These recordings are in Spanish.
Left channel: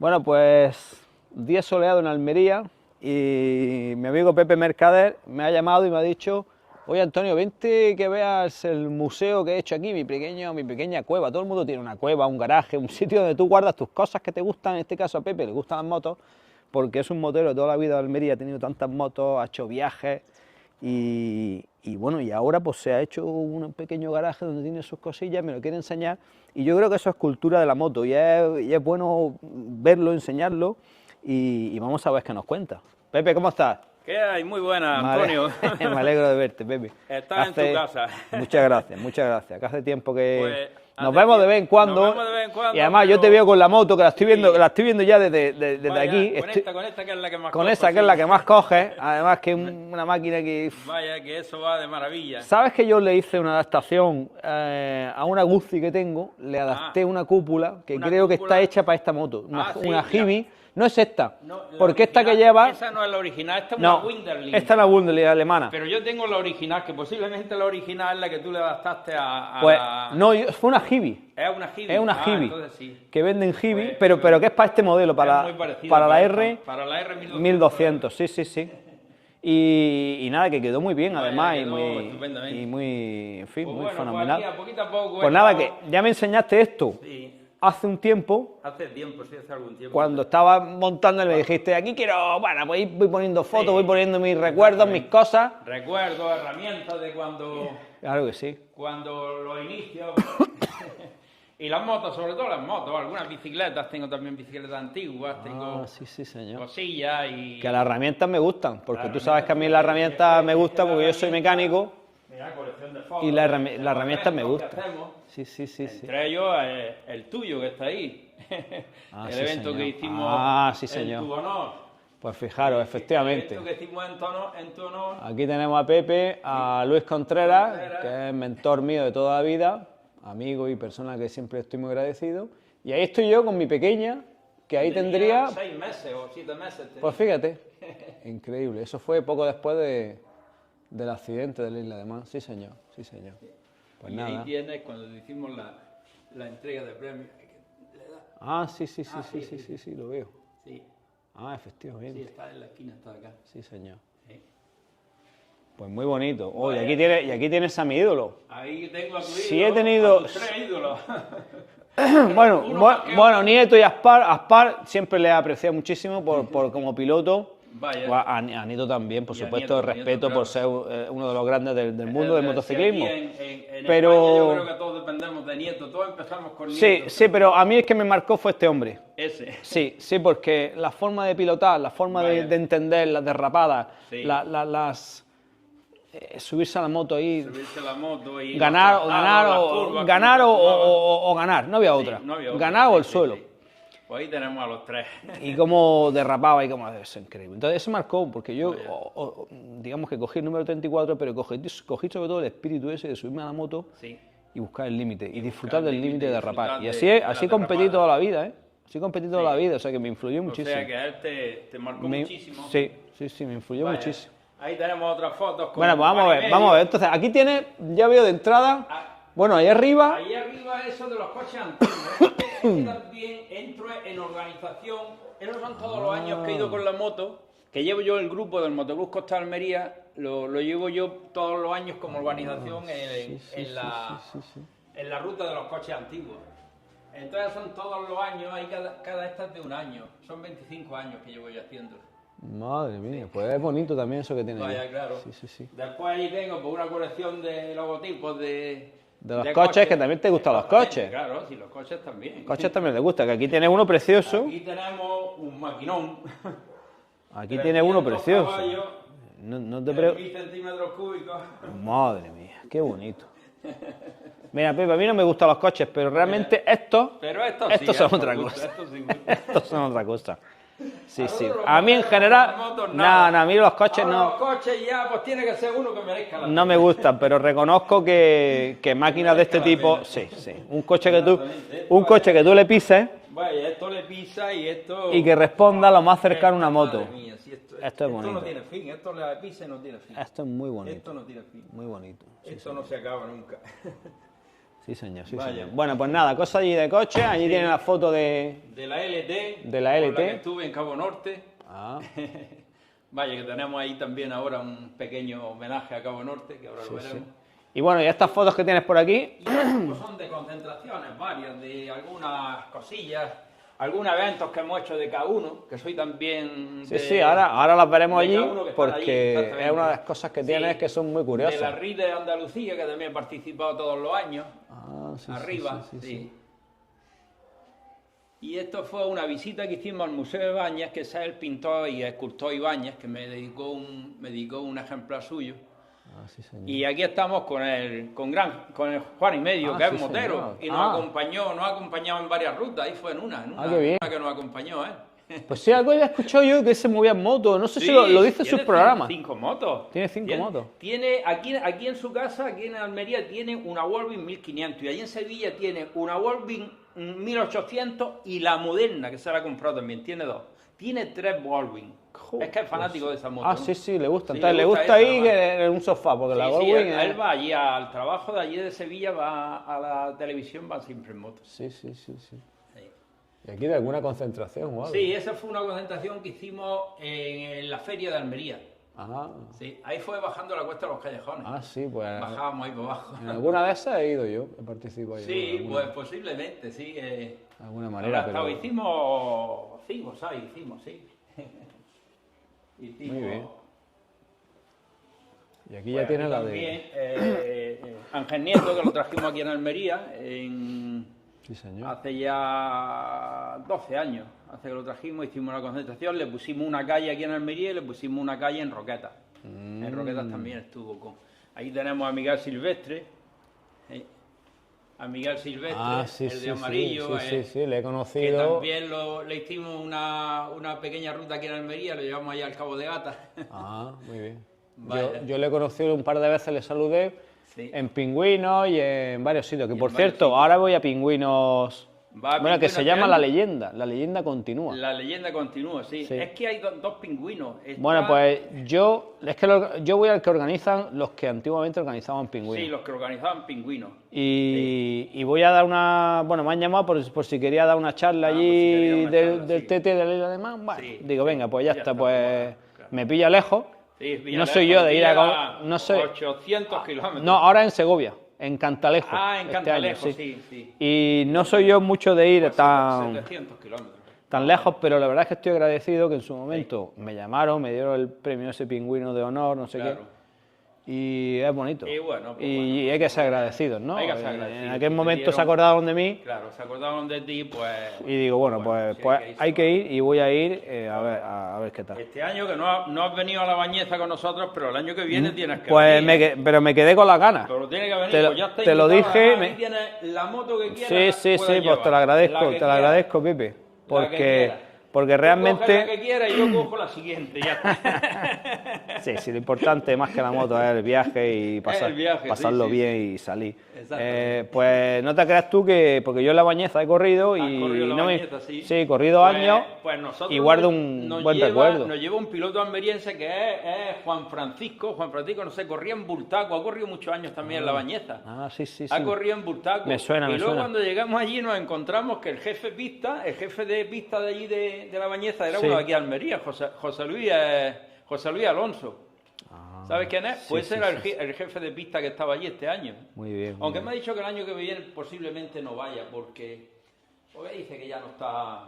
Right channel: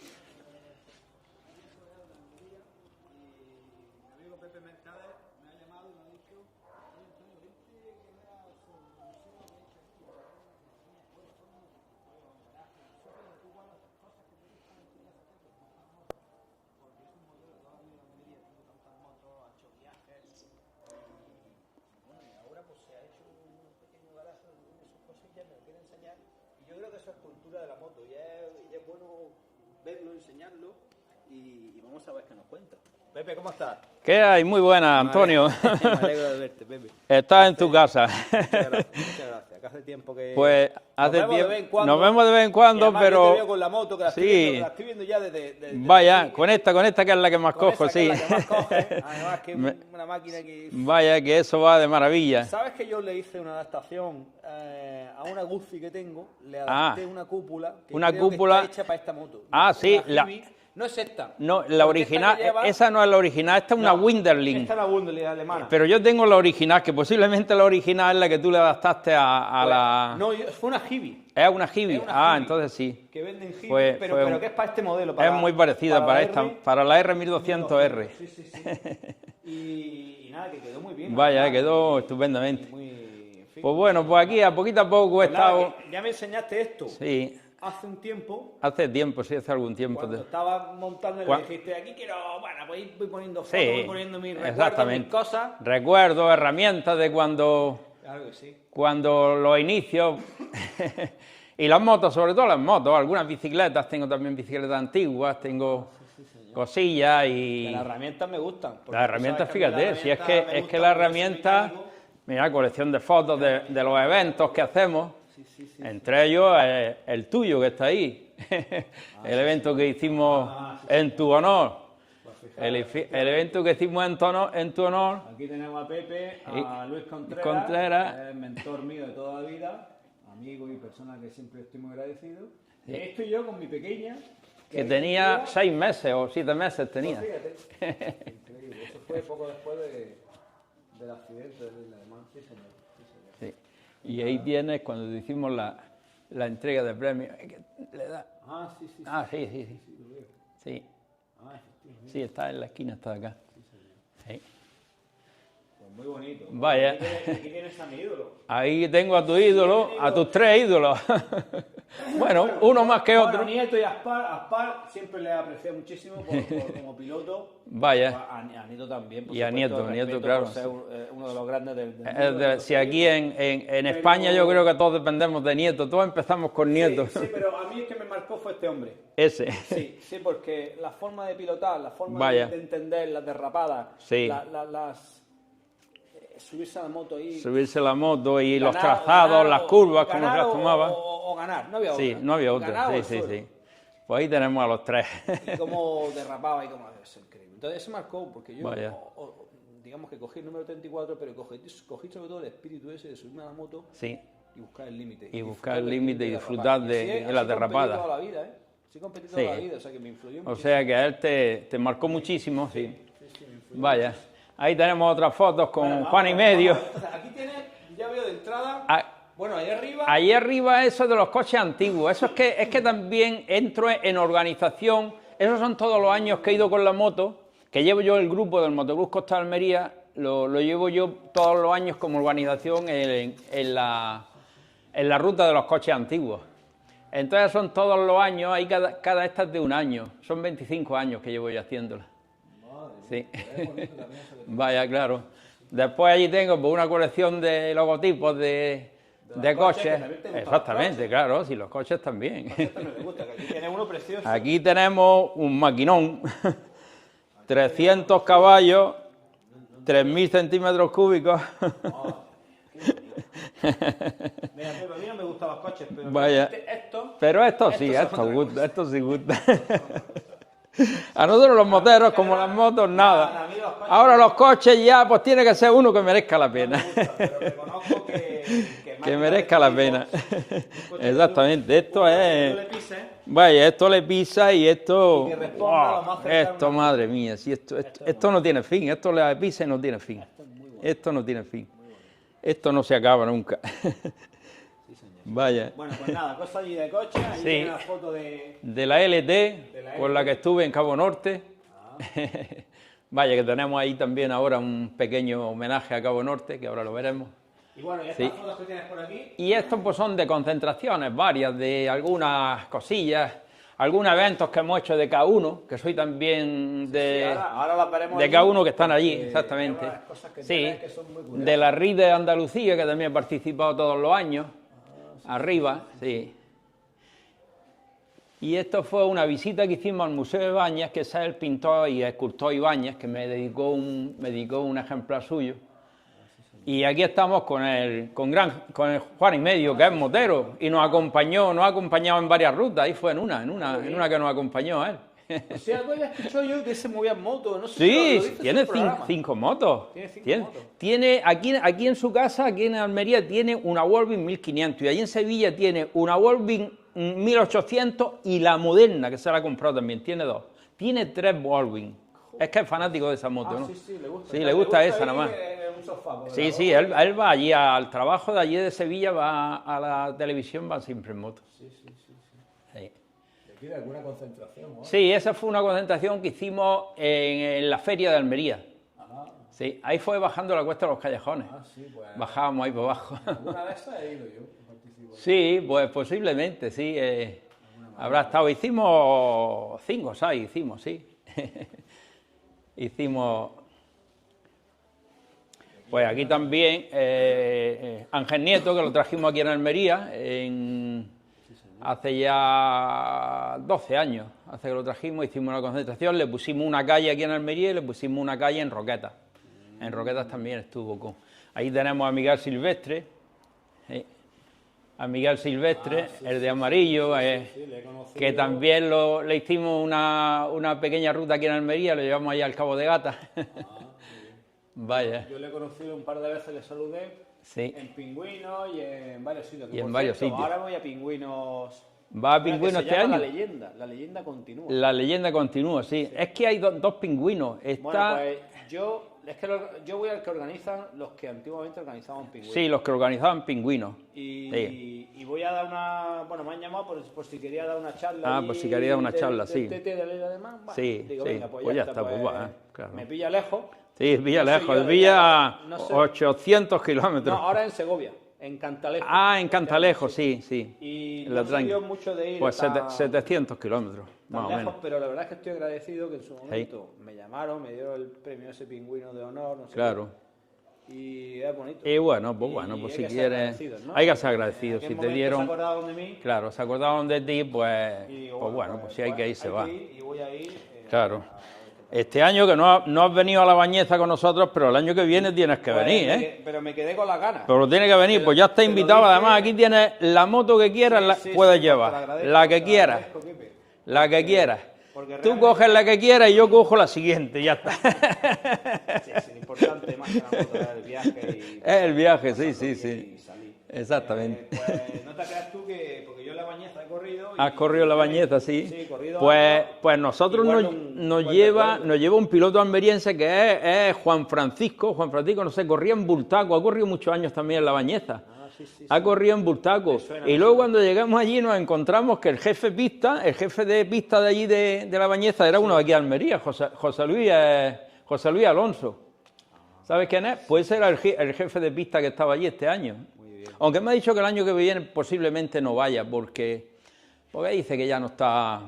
Bueno, pues día soleado en Almería y mi amigo Pepe Mercader me ha llamado y me ha dicho: oye Antonio, vente que veas el museo que he hecho aquí, mi pequeña cueva. Todo el mundo tiene una cueva, un garaje, un sitio donde tú guardas tus cosas que te gustan. En este caso a Pepe le gustan las motos, porque es un motero de toda la vida de Almería, ha tenido tantas motos, ha hecho viajes y bueno, y ahora pues se ha hecho un pequeño garaje donde tiene sus cosillas, me lo quiere enseñar, y yo creo que eso es cultura de la moto y es bueno verlo, enseñarlo, y vamos a ver qué nos cuenta. Pepe, ¿cómo estás? ¿Qué hay? Muy buena, Antonio. Me alegro de verte, Pepe. Estás en tu casa. Muchas gracias, que hace tiempo que pues, nos vemos de vez en cuando. Nos vemos de vez en cuando. Y además pero... yo te veo con la moto, que la estoy, sí. la estoy viendo ya desde Vaya, aquí. Con esta que es la que más con cojo. Esa que sí. es la que más coges, además que es una máquina que... Vaya, que eso va de maravilla. ¿Sabes que yo le hice una adaptación a una Guzzi que tengo? Le adapté una cúpula que creo que está hecha para esta moto. Una Hibi. No es esta. No, la porque original, esta que lleva... esa no es la original, esta es una Winderling. Esta es la Winderling alemana. Pero yo tengo la original, que posiblemente la original es la que tú le adaptaste a pues, la... No, fue una Hibi. Es una Hibi. Es una Hibi. Entonces sí. Que venden Hibi, pero que es para este modelo. Es muy parecida para la R 1200. Sí. Y nada, que quedó muy bien. Vaya, además, quedó estupendamente. Y muy, en fin, pues muy bueno, fenomenal. pues aquí a poquito a poco... Pues nada, que ya me enseñaste esto. Sí. Hace un tiempo. Hace tiempo, sí, hace algún tiempo. Cuando estaba montando me dijiste, aquí quiero, bueno, voy poniendo fotos, voy poniendo mis recuerdos, mis cosas. Recuerdos, herramientas de cuando... Claro que sí. Cuando los inicios... y las motos, sobre todo las motos, algunas bicicletas, tengo también bicicletas antiguas, tengo cosillas y... Que las herramientas me gustan, porque tú sabes que a mí fíjate, las herramientas me gustan porque yo soy mecánico. Mira, colección de fotos de los eventos que hacemos. Sí. Entre ellos el tuyo que está ahí. El evento que hicimos en tu honor. Pues fijaros, efectivamente. El evento que hicimos en tu honor. Aquí tenemos a Pepe, a Luis Contreras, que es mentor mío de toda la vida, amigo y persona que siempre estoy muy agradecido. Y ahí estoy yo con mi pequeña, que ahí tenía 6 meses o 7 meses tenía. Pues fíjate, increíble. Eso fue poco después del accidente de la Isla de Man. Sí, señor. Sí. Pues y nada. Ahí tienes, cuando hicimos la entrega de premios, le da... Sí, lo veo. Sí. Efectivamente. Sí, está en la esquina, está acá. Sí, señor. Sí. Pues muy bonito. Vaya. Y aquí tienes a mi ídolo. Ahí tengo a tu ídolo, a tus 3 ídolos. uno más que otro. Bueno, Nieto y Aspar siempre le he apreciado muchísimo por como piloto. Vaya. Pues a Nieto también, por supuesto, respeto por ser uno de los grandes del mundo del motociclismo. Si aquí en España yo creo que todos dependemos de Nieto, todos empezamos con Nieto. Sí, pero a mí el que me marcó fue este hombre. Ese. Sí, porque la forma de pilotar, la forma de entender las derrapadas, subirse a la moto y... Subirse a la moto y ganar, los trazados, las curvas. Ganar o ganar, no había otra. No había otra. Ganar o el suelo. Sí. Pues ahí tenemos a los 3. Y cómo derrapaba y cómo... Es increíble. Entonces eso marcó, porque yo, digamos que cogí el número 34, pero cogí sobre todo el espíritu ese de subirme a la moto y buscar el límite. Y disfrutar del límite de derrapar. Y así competí toda la vida, ¿eh? Así competí toda la vida, o sea que me influyó muchísimo. O sea que a él te marcó muchísimo. Sí, me influyó muchísimo. Ahí tenemos otras fotos con pan y medio. Vamos, entonces aquí tienes, ya veo de entrada... Bueno, ahí arriba eso de los coches antiguos. Eso es que también entro en organización. Esos son todos los años que he ido con la moto, que llevo yo el grupo del Motobús Costa de Almería, lo llevo yo todos los años como organización en la ruta de los coches antiguos. Entonces son todos los años, ahí cada esta es de un año. Son 25 años que llevo yo haciéndola. Madre mía, pues es bonito también eso que tiene. Vaya, claro. Sí. Después allí tengo una colección de logotipos de los coches, que también te gustan los coches. Claro, sí, los coches también. Los coches también te gustan, que aquí tienes uno precioso. Aquí tenemos un maquinón, 300 caballos, 3.000 centímetros cúbicos. Madre mía, qué bonito. Mira, Pepe, a mí no me gustan los coches, pero realmente estos son otra cosa. Estos son otra cosa. A nosotros los moteros, como las motos, nada. No, a mí los coches ahora los coches ya, pues tiene que ser uno que merezca la pena. No me gustan, pero reconozco que máquinas de este tipo... Un coche, que tú le pises... Vaya, esto le pisa y esto... Y que responda lo más cercano a una moto. Madre mía, si esto no tiene fin, esto le pisa y no tiene fin. Esto es muy bonito. Esto no tiene fin. Muy bonito. Esto no se acaba nunca. Sí, señor. Sí, Vaya. señor. Bueno, pues nada, cosas allí de coche. Allí Sí. tiene la foto de la LT, De la con la LT. que estuve en Cabo Norte. Ah, Vaya, que tenemos ahí también ahora un pequeño homenaje a Cabo Norte, que ahora lo veremos. y bueno, y estas fotos que tienes por aquí. Y estos pues son de concentraciones varias, de algunas cosillas, algunos eventos que hemos hecho de K1, que soy también Sí, de, sí, ahora las veremos de allí. K1 que están allí, porque exactamente. Es una de las cosas que Sí. tienes que son muy curiosas. De la RID de Andalucía, que también he participado todos los años, Ah, sí, arriba, sí. Y esto fue una visita que hicimos al Museo de Ibáñez, que es el pintor y escultor Ibáñez, que me dedicó un ejemplar suyo. Ah, sí, señor. Y aquí estamos con el Juan y Medio, que es sí, motero, señor. y nos ha acompañado en varias rutas, ahí fue en qué una bien. que nos acompañó él. Pues sí, algo había escuchado yo que se movía en moto. No sé Sí, si lo dice en tiene su programa. cinco motos. Tiene cinco motos. Tiene aquí en su casa, aquí en Almería, tiene una Wolvin 1500 y allí en Sevilla tiene una Wolvin 1800 y la moderna, que se la ha comprado también, tiene dos. Tiene 3 Wolvin. Es que es fanático de esa moto. Ah, ¿no? sí, sí, le gusta. Sí, Entonces, le le gusta gusta esa, ir además. en un sofá. Porque Sí, la sí, Volkswagen- él va allí al trabajo de allí de Sevilla, va a la televisión, va siempre en moto. Sí, sí, sí, sí. Sí. ¿Y aquí de alguna concentración o algo? Sí, esa fue una concentración que hicimos en la feria de Almería. Ah, Sí, ahí fue bajando la cuesta de los callejones. sí, pues. Bajábamos ahí por abajo. En alguna de esas he ido yo, he participado ahí. Sí, pues posiblemente, sí. De alguna manera. Habrá estado, pero- hicimos 5 o 6, hicimos, sí. Hicimos. Y aquí Pues ya aquí tiene la de- también Ángel Nieto, que lo trajimos aquí en Almería, Sí, señor. hace ya 12 años, hace que lo trajimos, hicimos una concentración, le pusimos una calle aquí en Almería y le pusimos una calle en Roquetas. En Roquetas también estuvo con. Ahí tenemos a Miguel Silvestre, a Miguel Silvestre, Ah, sí, el sí, de amarillo, sí, sí, le he conocido. que también le hicimos una pequeña ruta aquí en Almería, lo llevamos allá al Cabo de Gata. Ah, muy bien. Vaya. Yo le he conocido un par de veces, le saludé Sí. en Pingüinos y en varios sitios. Que Y en por varios cierto, sitios. ahora voy a Pingüinos. Va a Bueno, que Pingüinos se este llama año. La leyenda continúa. La leyenda continúa, sí. Sí. Es que hay dos pingüinos. Está- Bueno, pues yo voy al que organizan los que antiguamente organizaban Pingüinos. Sí, los que organizaban pingüinos. Y voy a dar una. Bueno, me han llamado por si quería dar una charla Ah, allí por si quería dar una del, charla, del sí. TT de la Isla de Man. Bueno, Sí, digo, sí, venga, pues ya está, pues bueno, claro. me pilla lejos. Sí, No soy yo de Villa, no soy. 800 kilómetros. No, ahora en Segovia, en Cantalejo. Ah, en este año, Cantalejo, sí, sí. Y El no otro soy año. yo mucho de ir Pues tan 700 kilómetros. tan más o lejos, menos. pero la verdad es que estoy agradecido que en su momento me llamaron, me dieron el premio ese pingüino de honor, no sé Claro. qué. Y es bonito. Y bueno, pues bueno, Y pues hay que si ser quieres- agradecidos, ¿no? hay que ser agradecidos. En Si aquel te momento se dieron- acordaron de mí Claro, se acordaron de ti, pues. y digo, bueno, pues, si hay que va. ir y voy a ir Claro. a ver qué tal. Este año que no has venido a la Bañeza con nosotros, pero el año que viene tienes que Pues venir. ¿eh? pero me quedé con las ganas. Pero tiene que venir, Te lo- pues ya está te lo invitado. dije, Además, me- aquí tienes la moto que quieras, sí, puedes pues llevar. te la agradezco, La que te la quieras. agradezco, Pipe. La que quieras. Porque Tú realmente... coges la que quieras y yo cojo la siguiente, ya está. Sí, sí, lo importante más que la moto es el viaje y el viaje, sí, pasarlo sí, bien sí. y salir. Exactamente. Pues no te creas tú que... Porque yo en la Bañeza he corrido y... Has corrido la no me- Bañeza, sí. Sí, he corrido Pues, años pues nosotros y guardo un nos buen lleva recuerdo. un piloto almeriense que es Juan Francisco. Juan Francisco, no sé, corría en Bultaco, ha corrido muchos años también en la Bañeza. Ah, sí, sí, sí. Ha corrido en Bultaco. Me suena, y me luego suena. cuando llegamos allí nos encontramos que el jefe de pista de allí de la Bañeza era uno de aquí de Almería, José Luis Alonso. ¿Sabes quién es? Pues ese era el jefe de pista que estaba allí este año. Muy bien. Aunque me ha dicho que el año que viene posiblemente no vaya porque dice que ya no está...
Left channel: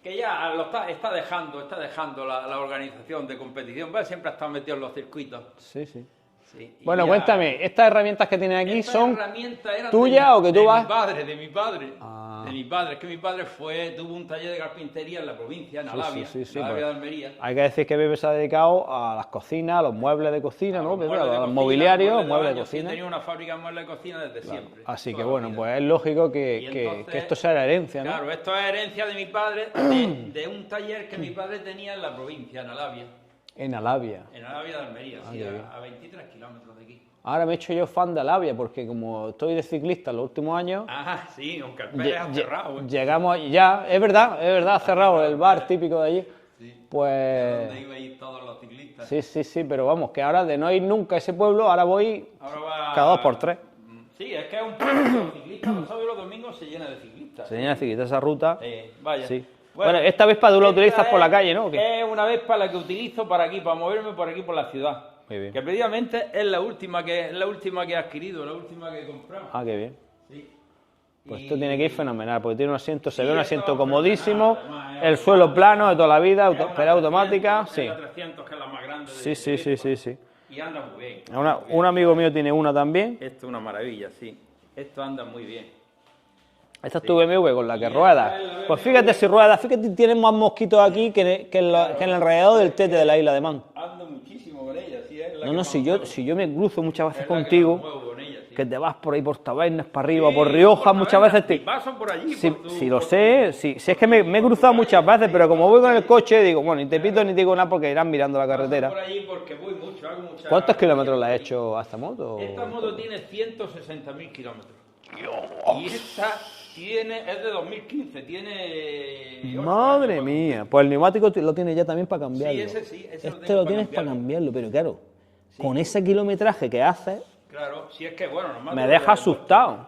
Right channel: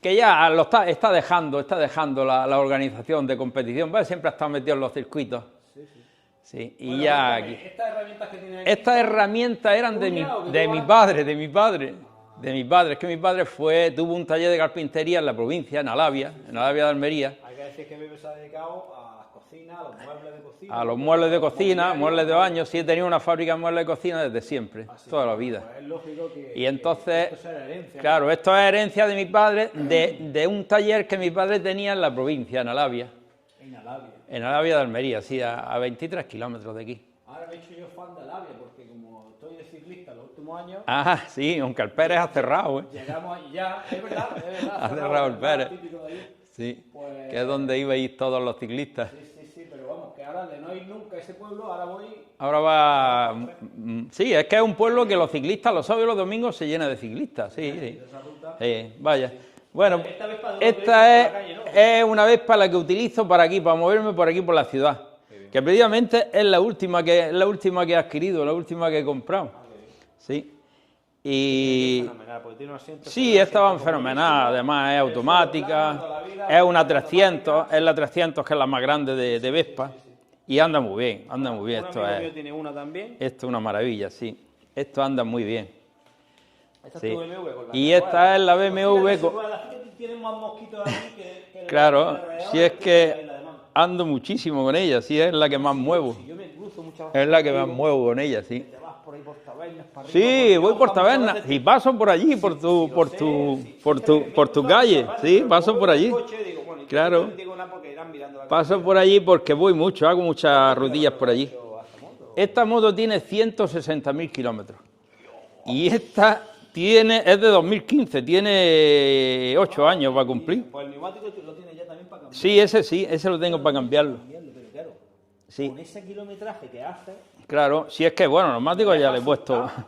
Que ya está dejando la organización de competición. Pues siempre ha estado metido en los circuitos. Sí, sí. Sí, y Bueno, ya- cuéntame, ¿estas herramientas que tienes aquí Estas son herramientas eran tuyas o que tú de vas...? mi padre, de mi padre. Ah. De mi padre. Es que mi padre tuvo un taller de carpintería en la provincia, en Alavia, sí, sí, en Alavia bueno. de Almería. Hay que decir que Pepe se ha dedicado a las cocinas, a los muebles de cocina, A ¿no? los Que muebles de los cocina, mobiliarios, muebles de muebles baño. Sí, he cocina. tenido una fábrica de muebles de cocina desde siempre. Así que toda la bueno, vida. pues es lógico que, Y que entonces- esto sea la herencia, ¿no? Claro, esto es herencia de mi padre, de un taller que mi padre tenía en la provincia, en Alavia En Alavia. de Almería, sí, a 23 kilómetros de aquí. Ahora me he hecho yo fan de Alavia porque como estoy de ciclista en los últimos años... Ah, sí, aunque el Pérez ha cerrado. ¿eh? Llegamos ya, es verdad, ha cerrado cerrado el el bar Pérez. típico de allí. Sí, Pues... que es donde ibais todos los ciclistas. Sí, sí, sí, pero vamos, que ahora de no ir nunca a ese pueblo, ahora voy Ahora va... cada 2 por 3. Sí, es que es un pueblo que los ciclistas los sábados y los domingos se llena de ciclistas. Se sí, llena de ciclistas esa ruta. vaya. Sí. Bueno, esta vez para tú la esta utilizas por la es- calle, ¿no? Es una vez para la que utilizo para aquí, para moverme por aquí por la ciudad. Muy bien. Que precisamente es la última que he adquirido, la última que he comprado. Ah, qué bien. Sí. Pues esto tiene que ir fenomenal, porque tiene un asiento, Sí, será un esta va asiento fenomenal, comodísimo, además es el suelo automática, plano de toda la vida, es una era 300, automática, es sí. la 300 que es la más grande de, Sí, de sí, sí, Vespa, sí, sí. y anda muy bien, anda muy bien. Un Esto amigo es- mío tiene una también. Esto es una maravilla, sí. Esto anda muy bien. Esta es Sí. tu BMW con la Y que esta rueda. es la Pues BMW fíjate si con- rueda, fíjate, tienen más mosquitos aquí que en Claro, el alrededor si del es tete que de la isla de Man. Ando muchísimo con ella, sí, es la que No, más si muevo. si yo me cruzo muchas veces Es la que contigo, más muevo con ella, sí. que te vas por ahí por Tabernas, para Sí, arriba, por voy Rioja, por muchas Tabernas, veces te... y paso por allí, Sí, por tu... sí, lo por sé, tu- sí, sí, por es que tu- me he por tu cruzado calle. muchas veces, Sí, pero como paso voy por con el allí. coche, digo, bueno, ni te Claro. pito ni te digo nada porque irán mirando la Paso carretera. por allí porque voy mucho, hago muchas ¿Cuántos rodillas kilómetros por le has allí. hecho a esta moto? Esta moto tiene 160.000 kilómetros. Y esta es de 2015, tiene 8 Madre años para mía, cumplir. pues el neumático lo tiene ya también para cambiarlo. Sí, ese lo Este tengo para tienes cambiarlo. pero claro, Sí. con ese kilometraje que haces, Claro, si es que, bueno, me neumático deja ya le he puesto asustado.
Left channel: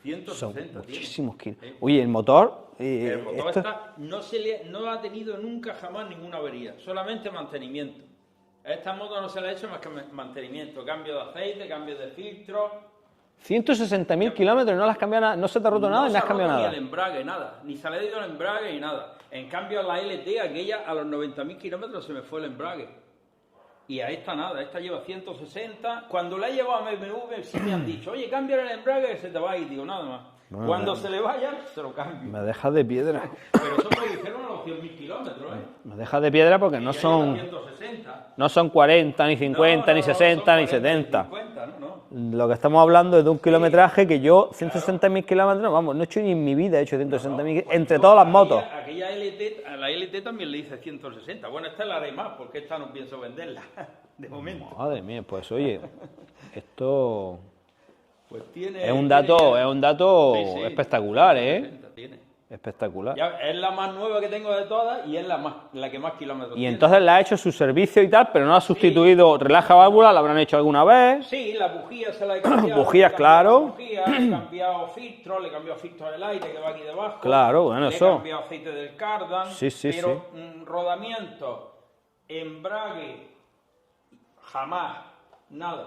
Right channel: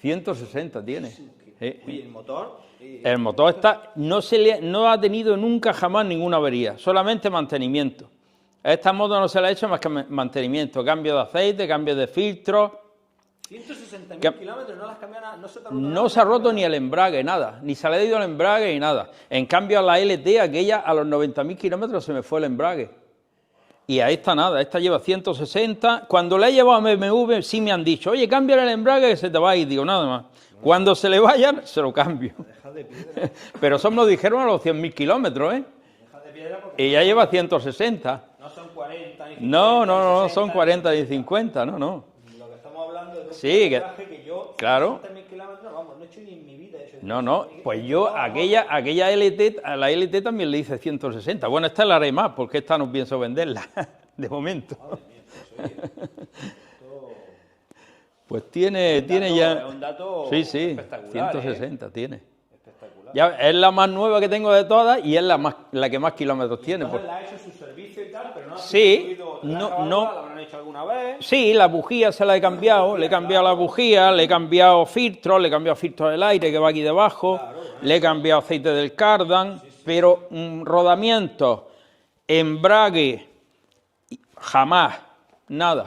160 tiene. Muchísimos kilos. Sí. Oye, el motor... El motor no ha tenido nunca jamás ninguna avería, solamente mantenimiento. A esta moto no se le ha hecho más que mantenimiento, cambio de aceite, cambio de filtro. 160.000 kilómetros y no las cambiado nada, no se te ha roto nada. No ni se le ha has roto cambiado ni el nada. embrague, nada. Ni se le ha ido el embrague ni nada. En cambio, a la LT, aquella, a los 90.000 kilómetros se me fue el embrague. Y a esta nada, esta lleva 160. Cuando la he llevado a BMW, sí me han dicho, oye, cámbiale el embrague que se te va a ir. Digo, nada más. Cuando se le vayan, se lo cambio. Me dejas de piedra. Pero eso me lo dijeron a los 100.000 kilómetros, ¿eh? Me dejas de piedra porque Y no ya son, lleva 160. no son 40, ni 50, No, ni 60, son ni 40 y 70. 50, no. Lo que estamos hablando es de un Sí, kilometraje que yo, claro. 160.000 kilómetros, vamos, no he hecho ni en mi vida, he hecho No, 160.000 pues entre yo todas las motos. aquella LT, a la LT también le hice 160. Bueno, esta la haré más, porque esta no pienso venderla, de momento. Madre mía, pues oye, esto Pues tiene... es un tiene dato, ya- es un dato Sí, sí, espectacular, 160 tiene. Espectacular. Ya, es la más nueva que tengo de todas y es la que más kilómetros Y tiene. entonces le ha hecho su servicio y tal, pero no ha Sí, sustituido relaja no, válvula, no. la habrán hecho alguna vez. Sí, la bujía se la he cambiado. Bujías, le he cambiado claro. la bujía, le he cambiado filtros, le he cambiado filtros del aire que va aquí debajo. Claro, bueno, le he eso- cambiado aceite del cardan. Sí, sí, pero rodamiento, embrague, jamás, nada.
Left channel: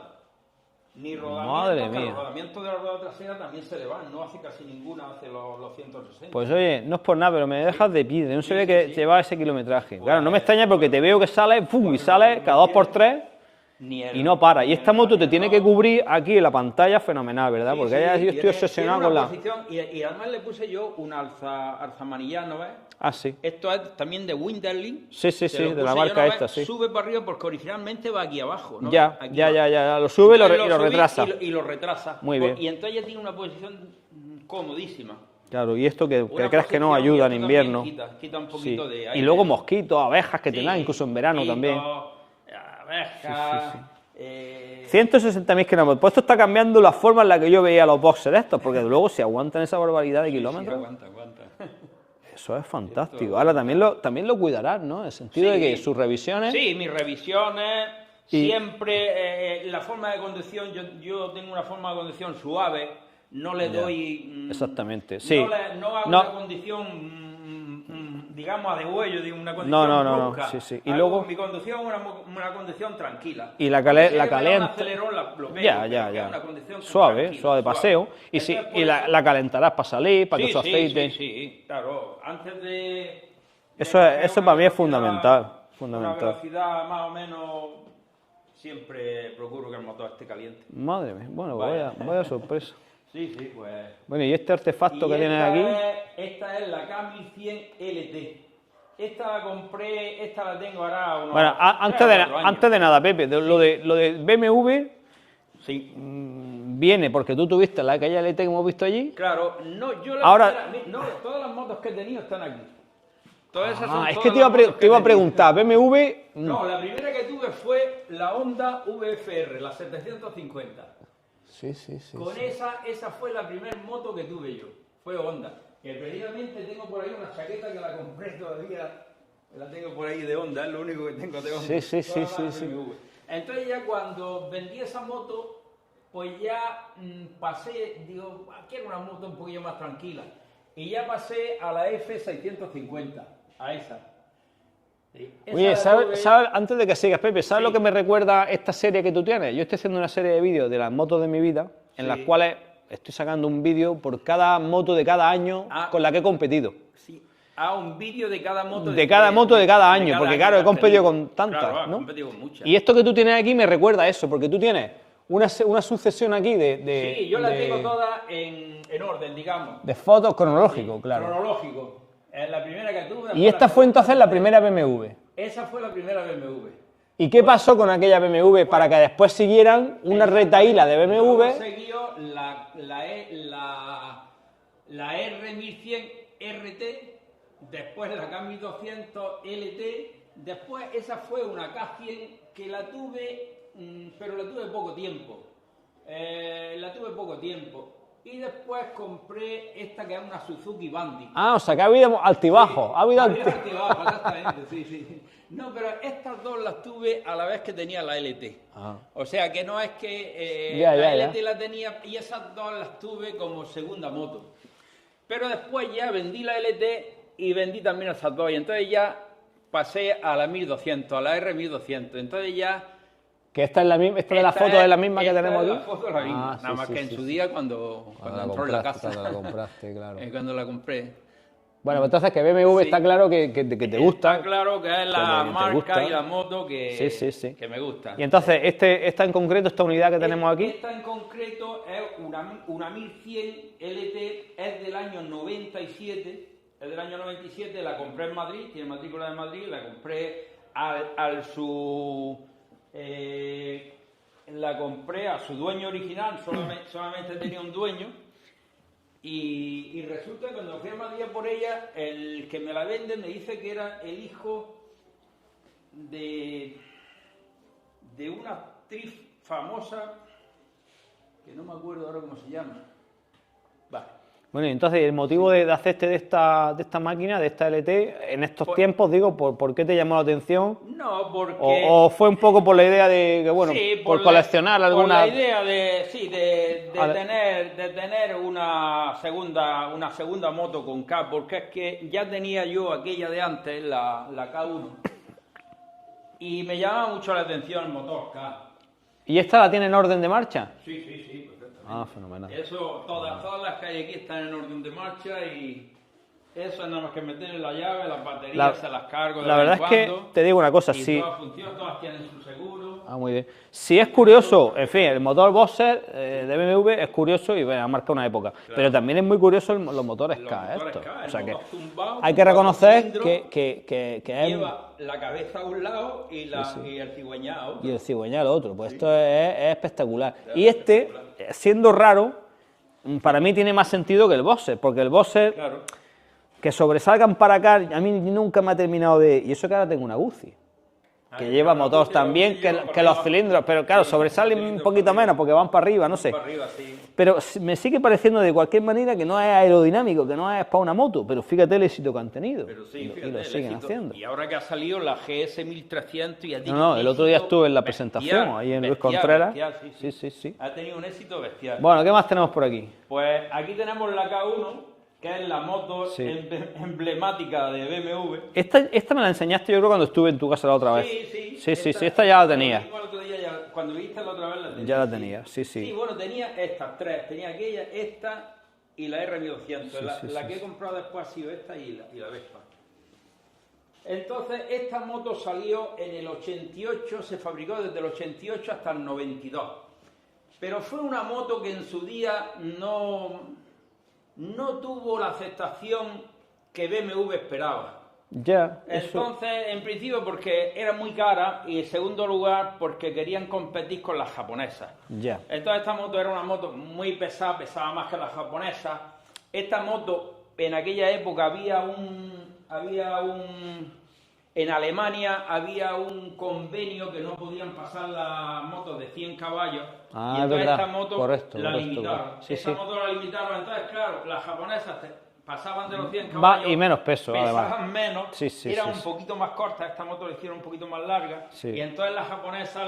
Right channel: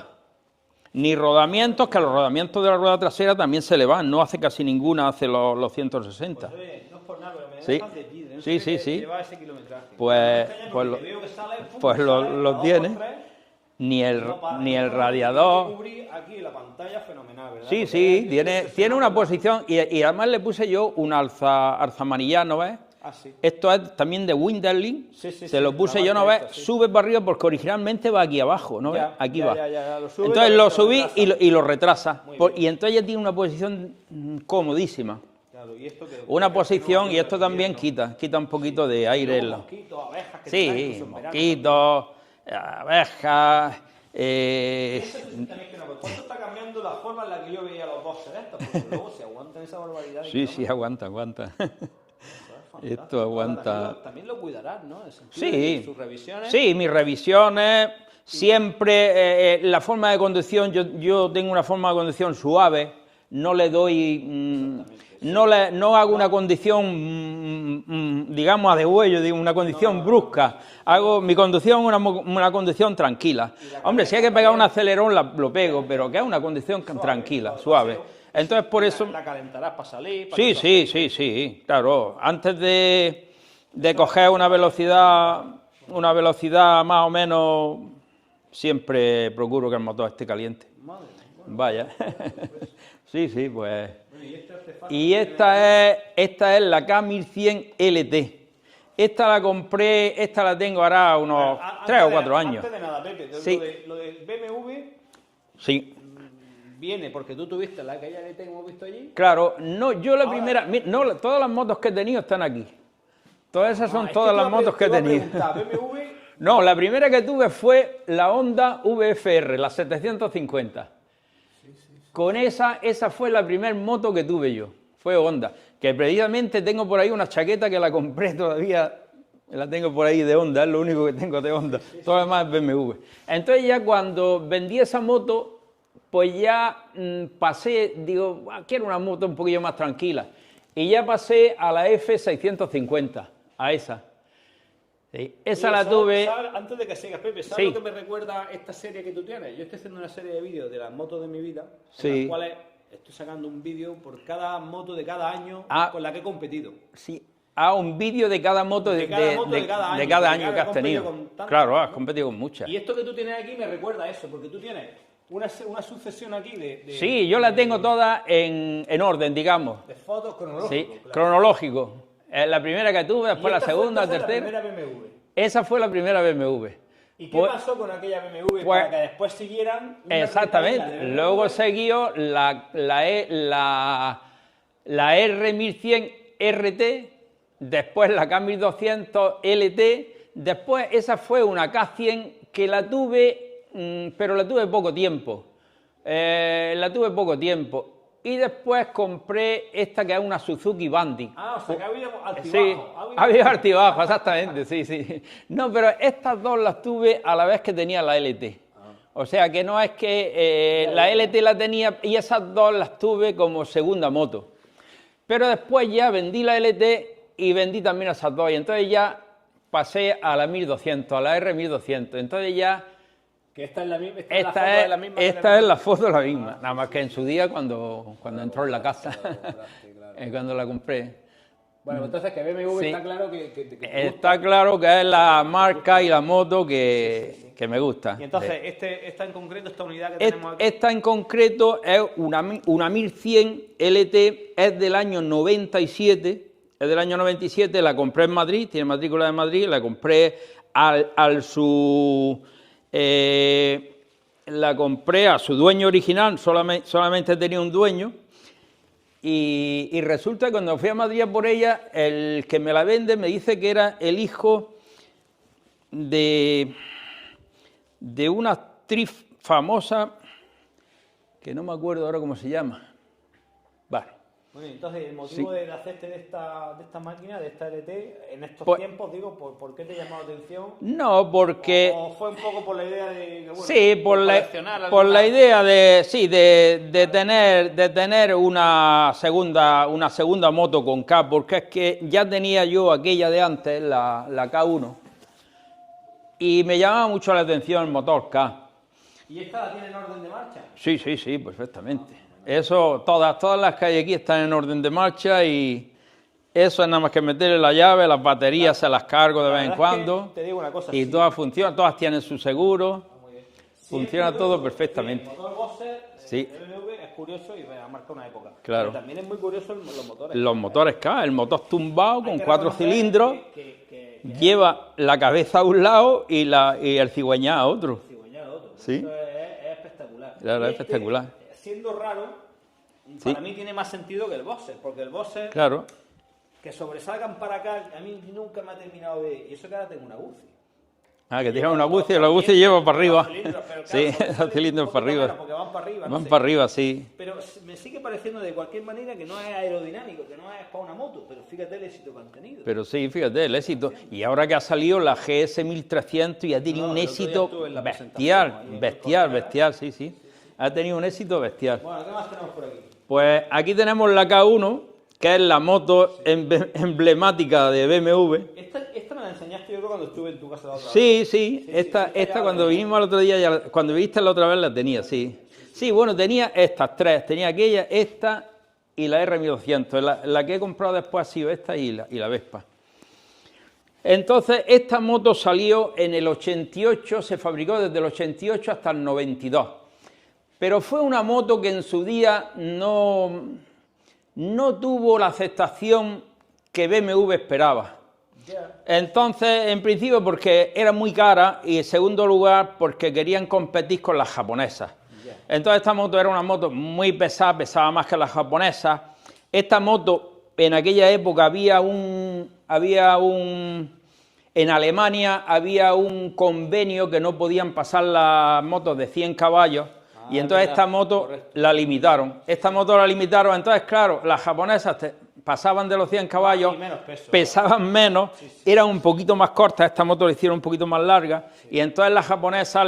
Ni rodamientos, Madre que los mía. rodamientos de la rueda trasera también se le van. No hace casi ninguna, hace los 160. Pues oye, no es por nada, pero me Sí. dejas de piedra. No Sí, sabía sí, que sí. llevaba ese kilometraje. Pues- Claro, no me extraña porque pues te lo- veo que sale, ¡pum! pues y sale lo cada 2 por tiene. 3 Ni el, y no para. ni Y el esta moto te tiene que radiador. cubrir aquí en la pantalla fenomenal, ¿verdad? Sí, Porque sí, yo estoy tiene obsesionado una con la- posición y además le puse yo un alza amarillano, ¿ves? Ah, sí. Esto es también de Winderling. Sí, sí, Se sí, lo de la puse yo marca una vez, esta, sí. sube para arriba porque originalmente va aquí abajo, ¿no? Ya, Aquí ya, va. ya, lo sube Entonces y lo lo subí retrasa. y lo retrasa. Muy Pues- bien. y entonces ya tiene una posición comodísima. Claro, y esto que Una crees que no posición y ayuda esto en también invierno. quita un poquito Sí. de aire. Y luego mosquitos, abejas que Sí, te dan, incluso en verano también. mosquitos, abejas... 160.000 kilómetros. Pues esto está cambiando la forma en la que yo veía los boxes de estos, porque luego si aguantan esa barbaridad de Sí, kilómetros. sí, aguanta. Eso es fantástico. Esto Ahora aguanta. también lo cuidarás, ¿no? En el sentido de que sus revisiones. Sí, mis revisiones, siempre la forma de conducción, yo tengo una forma de conducción suave, no le doy... Exactamente, sí. No hago No. una condición, digamos, a degüello, digo, una condición no, no, brusca. sí, sí. Y Hago luego- mi conducción una condición tranquila. Y la Hombre, si hay la que pegar un caliente. acelerón, lo pego, Ya, pero ya, que ya. es una condición suave, tranquila, suave, suave. paseo. Y, Entonces, sí, por y eso... la calentarás para salir, para Sí, que su sí, aceite. sí, claro. Antes de Eso- coger eso una para mí es velocidad, fundamental. una velocidad más o menos, siempre procuro que el motor esté caliente. Madre mía, bueno, Vaya. vaya sorpresa. Sí, pues. Bueno, y este artefacto Y que tienes aquí. esta es la K1100 LT. Esta la compré, esta la tengo ahora unos Bueno, 3 o 4 años. antes de nada, Pepe, Sí. lo de BMW Sí. viene porque tú tuviste aquella LT que hemos visto allí. Claro, no, yo la Ahora- primera. No, todas las motos que he tenido están aquí. Todas esas son Ah, es todas que te iba, las motos te que he iba a tenido. preguntar, BMW. No, la primera que tuve fue la Honda VFR, la 750. Sí, sí, sí. Con esa fue la primera moto que tuve yo, fue Honda. Que precisamente tengo por ahí una chaqueta que la compré todavía La tengo por ahí de Honda, es lo único que tengo de Honda. Todo lo demás en BMW. Entonces ya cuando vendí esa moto, pues ya pasé, digo, quiero una moto un poquillo más tranquila. Y ya pasé a la F650, a esa. Sí. Esa la tuve... Antes de que sigas, Pepe, ¿sabes lo que me recuerda esta serie que tú tienes? Yo estoy haciendo una serie de vídeos de las motos de mi vida, en las cuales estoy sacando un vídeo por cada moto de cada año con la que he competido. Sí. Un vídeo de cada moto de cada año, porque claro, he competido con tantas. Claro, has ¿no? competido con muchas. Y esto que tú tienes aquí me recuerda a eso, porque tú tienes una sucesión aquí de sí, yo las tengo todas en orden, digamos. De fotos cronológico, sí, claro. Cronológico. Es la primera que tuve. Y esta fue entonces la primera BMW. Esa fue la primera BMW. ¿Y qué pasó con aquella BMW para que después siguieran una retaíla de BMW? Luego siguió la R1100 RT, después la K1200 LT, después esa fue una K100 que la tuve, pero la tuve poco tiempo. Y después compré esta que es una Suzuki Bandit. O sea que ha habido altibajos. Sí, ha habido altibajos, exactamente, sí. No, pero estas dos las tuve a la vez que tenía la LT. O sea que no es que la LT la tenía y esas dos las tuve como segunda moto. Pero después ya vendí la LT y vendí también esas dos. Y entonces ya pasé a la 1200, a la R1200. Entonces ya... Que esta es la misma, la foto de la misma que tenemos. Esta es la foto de la misma, nada más que en sí. su día cuando entró en la casa. Cuando la compraste, claro. Cuando la compré. Bueno, pues entonces que BMW está claro que te gusta. Está claro que es la marca y la moto que me gusta. Y entonces, esta en concreto, esta unidad que tenemos aquí. Esta en concreto es una 1100 LT, es del año 97. Es del año 97, la compré en Madrid, tiene matrícula de Madrid, la compré la compré a su dueño original, solamente tenía un dueño, y resulta que cuando fui a Madrid por ella, el que me la vende me dice que era el hijo de una actriz famosa, que no me acuerdo ahora cómo se llama. Vale. Bueno, y entonces el motivo de hacerte de esta máquina, de esta LT, en estos tiempos, digo, ¿por qué te llamó la atención? No, porque... O fue un poco por la idea de que, bueno, por coleccionar alguna... Por la idea de tener una segunda moto con K, porque es que ya tenía yo aquella de antes, la K1, y me llamaba mucho la atención el motor K. ¿Y esta la tiene en orden de marcha? Sí, perfectamente. Fenomenal. Eso, todas las que hay aquí están en orden de marcha y eso es nada más que meterle la llave, las baterías se las cargo de vez en cuando. Te digo una cosa, y todas funcionan, todas tienen su seguro. Muy bien. Si es curioso, en fin, el motor Boxer de BMW es curioso y ha marcado una época. Claro. Pero también es muy curioso los motores K. Los motores K, el motor tumbado, hay que reconocer cilindros, que lleva la cabeza a un lado y el cigüeñal a otro. Y el cigüeñal a otro. Pues esto es espectacular. Claro, y espectacular. Siendo raro, para mí tiene más sentido que el Boxer, porque el Boxer, que sobresalgan para acá, a mí nunca me ha terminado de... Y eso que ahora tengo una Guzzi. Que lleva una Guzzi, la Guzzi lleva para arriba. Los cilindros, pero claro, sobresalen un poquito menos porque van para arriba, no sé. Van para arriba, sí. Pero me sigue pareciendo de cualquier manera que no es aerodinámico, que no es para una moto, pero fíjate el éxito que han tenido. Pero sí, fíjate el éxito. Y ahora que ha salido la GS 1300 y ha tenido un éxito el otro día estuve en la presentación, ahí en Luis Contreras. Bestial, sí. Ha tenido un éxito bestial. Bueno, ¿qué más tenemos por aquí? Pues aquí tenemos la K1, que es la moto emblemática de BMW. Esta me la enseñaste yo creo cuando estuve en tu casa la otra vez. Sí, esta ya la tenía. El otro día, cuando viste la otra vez la tenía, Sí, bueno, tenía estas tres, tenía aquella, esta y la R1200. La que he comprado después ha sido esta y la Vespa. Entonces, esta moto salió en el 88, se fabricó desde el 88 hasta el 92. Pero fue una moto que en su día no tuvo la aceptación que BMW esperaba. Entonces, en principio porque era muy cara y en segundo lugar porque querían competir con las japonesas. Entonces esta moto era una moto muy pesada, pesaba más que las japonesas. Esta moto, en aquella época en Alemania había un convenio que no podían pasar las motos de 100 caballos. Y entonces esta moto la limitaron. Esta moto la limitaron. Entonces, claro, las japonesas pasaban de los 100 caballos. Y menos peso. Pesaban además. menos, Sí, sí, eran sí, un sí. poquito más cortas, esta moto la hicieron un poquito más larga, Sí. y entonces las japonesas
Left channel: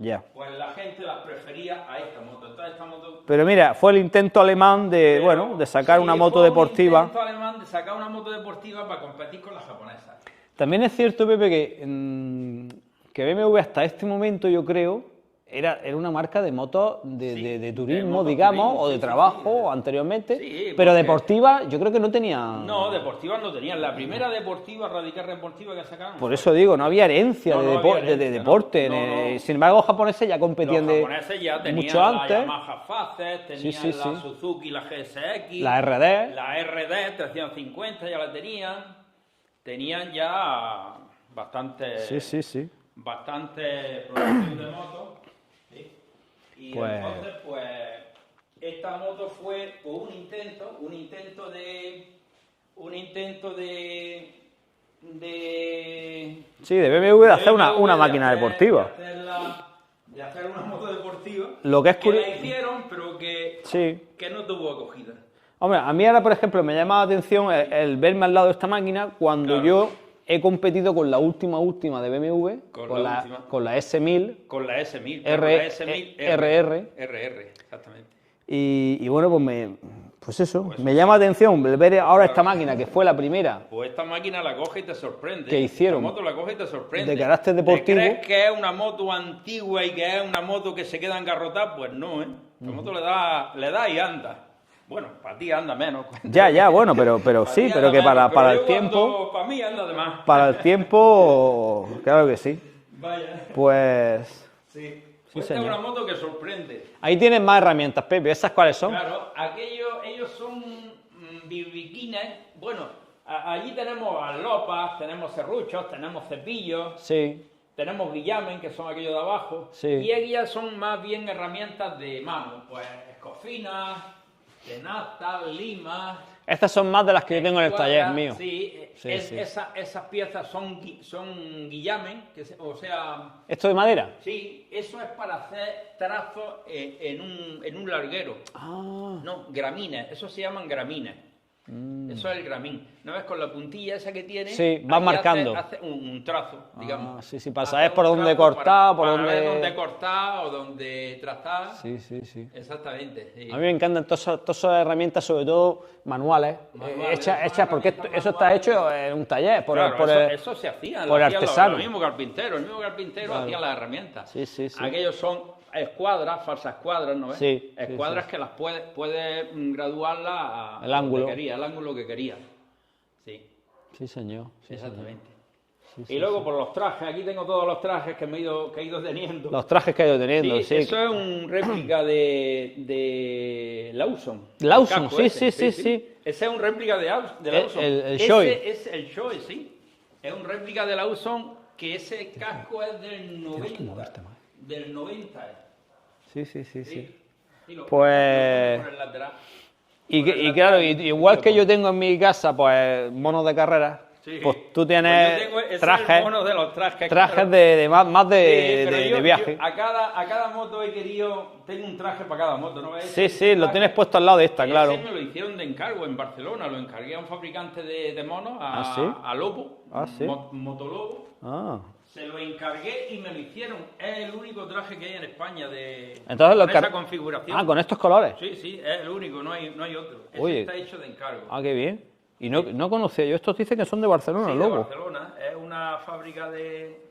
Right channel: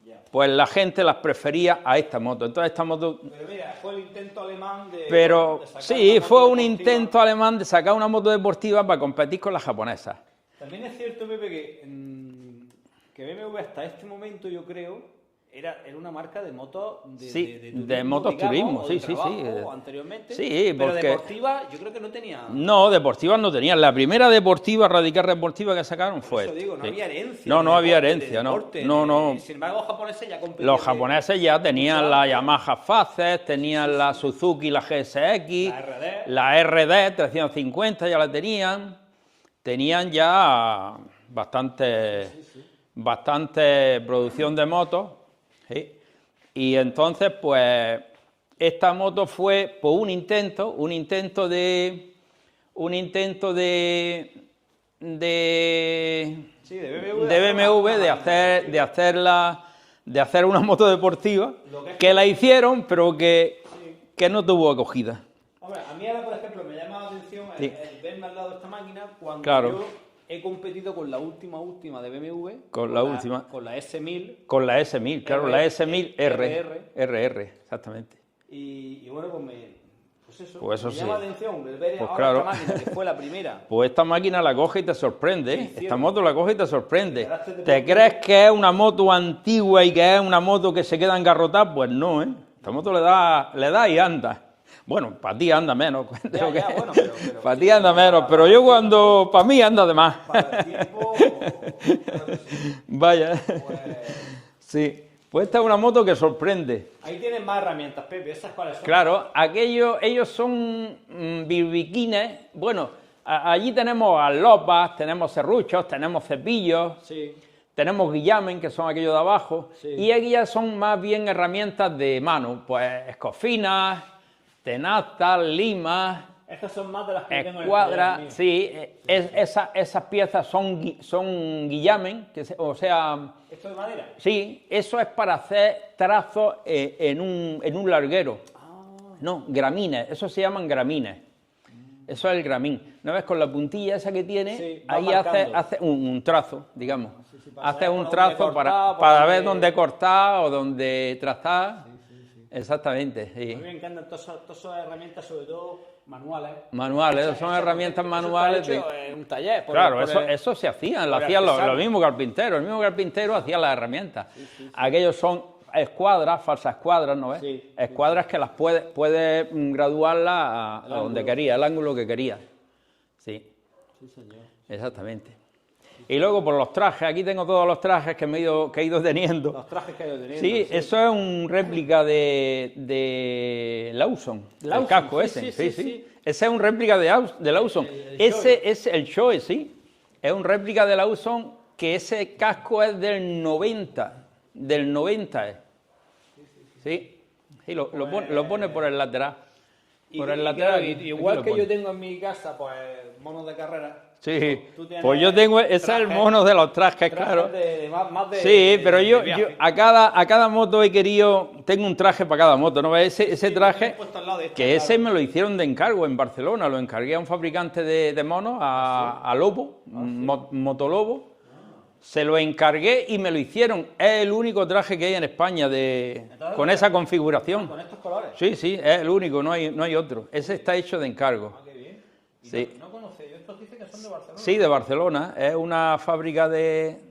Ya. pues la gente las prefería a esta moto. Entonces esta moto... Pero mira, fue el intento alemán de sacar una moto fue deportiva. un intento alemán de sacar una moto deportiva para competir con las japonesas. También es cierto, Pepe, que BMW hasta este momento, yo creo, era una marca de motos de turismo, motos digamos, turismo, o de sí, sí, trabajo sí. anteriormente. Sí, pero porque- deportiva, yo creo que no tenía. No, deportivas no tenían. La primera deportiva, radical deportiva que sacaron Por fue- eso digo, no había herencia. No, de no había deporte, herencia, de no. deporte. No, no. Sin embargo, los japoneses ya competían. Los japoneses ya tenían mucho la antes. Yamaha Faces, tenían Sí, sí, la sí. Suzuki, la GSX, La RD. la RD 350 ya la tenían. Tenían ya bastante, Sí. bastante producción de motos. ¿sí? Y Pues- entonces, pues, esta moto fue pues, un intento Sí, de BMW de hacer una BMW, máquina deportiva. de hacer una moto deportiva, Lo que es la hicieron, pero que Sí. no tuvo acogida. Hombre, a mí ahora, por ejemplo, me llama la atención el verme al lado de esta máquina cuando Claro. yo he competido con la última de BMW. Con la última. Con la S1000. Con la S1000, claro, R- la S1000 RR, exactamente. Y bueno, pues eso, Pues eso me sí. llama la atención ver ahora claro. esta máquina, que fue la primera. Pues esta máquina la coge y te sorprende. ¿Qué ¿eh? hicieron? Esta moto la coge y te sorprende. De carácter ¿Te deportivo. crees que es una moto antigua y que es una moto que se queda engarrotada? Pues no, ¿eh? Esta moto le da y anda. Bueno, para ti anda menos. Ya, bueno, pero Para sí, ti anda pero que menos, para pero el yo tiempo- cuando... Para mí anda de más. Para el tiempo, claro que sí. Vaya. Pues Sí. Pues esta es una moto que sorprende. ahí tienes más herramientas, Pepe. ¿Esas cuáles son? Claro, ellos son birbiquines. Bueno, allí tenemos alopas, tenemos serruchos, tenemos cepillos, Sí. tenemos guillamen, que son aquellos de abajo. Sí. Y aquellas son más bien herramientas de mano. Pues escofinas, tenazas, limas. Estas son más de las que yo tengo en el escuadras. taller mío. Sí, Sí, sí. esas piezas son guillamen, o sea... ¿Esto de madera? Sí, eso es para hacer trazos en un larguero. Ah. No, gramines, eso se llaman gramines. Eso es el gramín. ¿No ves? Con la puntilla esa que tiene, Sí, vas ahí marcando. hace un trazo, digamos. sí, para Hace saber un por dónde trazo cortar, por para dónde- ver dónde cortar o dónde trazar. Sí. Exactamente. Sí. A mí me encantan todas esas herramientas, sobre todo manuales. Manuales, Hechas, son porque herramientas eso está manuales hecho de- en un taller. Claro, eso se hacía, lo por hacían artesano. lo mismo carpintero. El mismo carpintero hacía las herramientas. Sí. Aquellos son escuadras, falsas escuadras, ¿no ves? Sí, escuadras que las puedes graduarlas a El donde ángulo. querías, el ángulo que querías. Sí, Sí, señor. exactamente. Y luego por los trajes, aquí tengo todos los trajes que he ido teniendo. Los trajes que he ido teniendo. Sí, eso es un réplica de Lawson. Lawson, El casco ese, sí. Ese es un réplica de Lawson. el Shoei. Ese es el Shoei, sí. Es un réplica de Lawson que ese casco es del 90. Del 90 es. Sí. Sí. Sí, lo Pues- pone por el lateral. Y, Por el claro, lateral, igual lo que pone. yo tengo en mi casa, pues, monos de carrera. Sí. Pues tú tienes Pues yo tengo ese trajes, mono de los trajes. trajes claro. de más de, Sí, pero de yo viaje. a cada moto he querido, tengo un traje para cada moto, ¿no ves? Sí, lo tienes puesto al lado de esta, que claro. ese me lo hicieron de encargo en Barcelona, lo encargué a un fabricante de monos, a Lobo, ¿sí? Motolobo, Ah. se lo encargué y me lo hicieron. Es el único traje que hay en España Entonces, con los esa configuración. Ah, con estos colores. Sí, es el único, no hay otro. Ese Oye. está hecho de encargo. Ah, qué bien. Y Sí. no conocía yo. Estos dicen que son de Barcelona. Sí, de Lobo. Barcelona. Es una fábrica de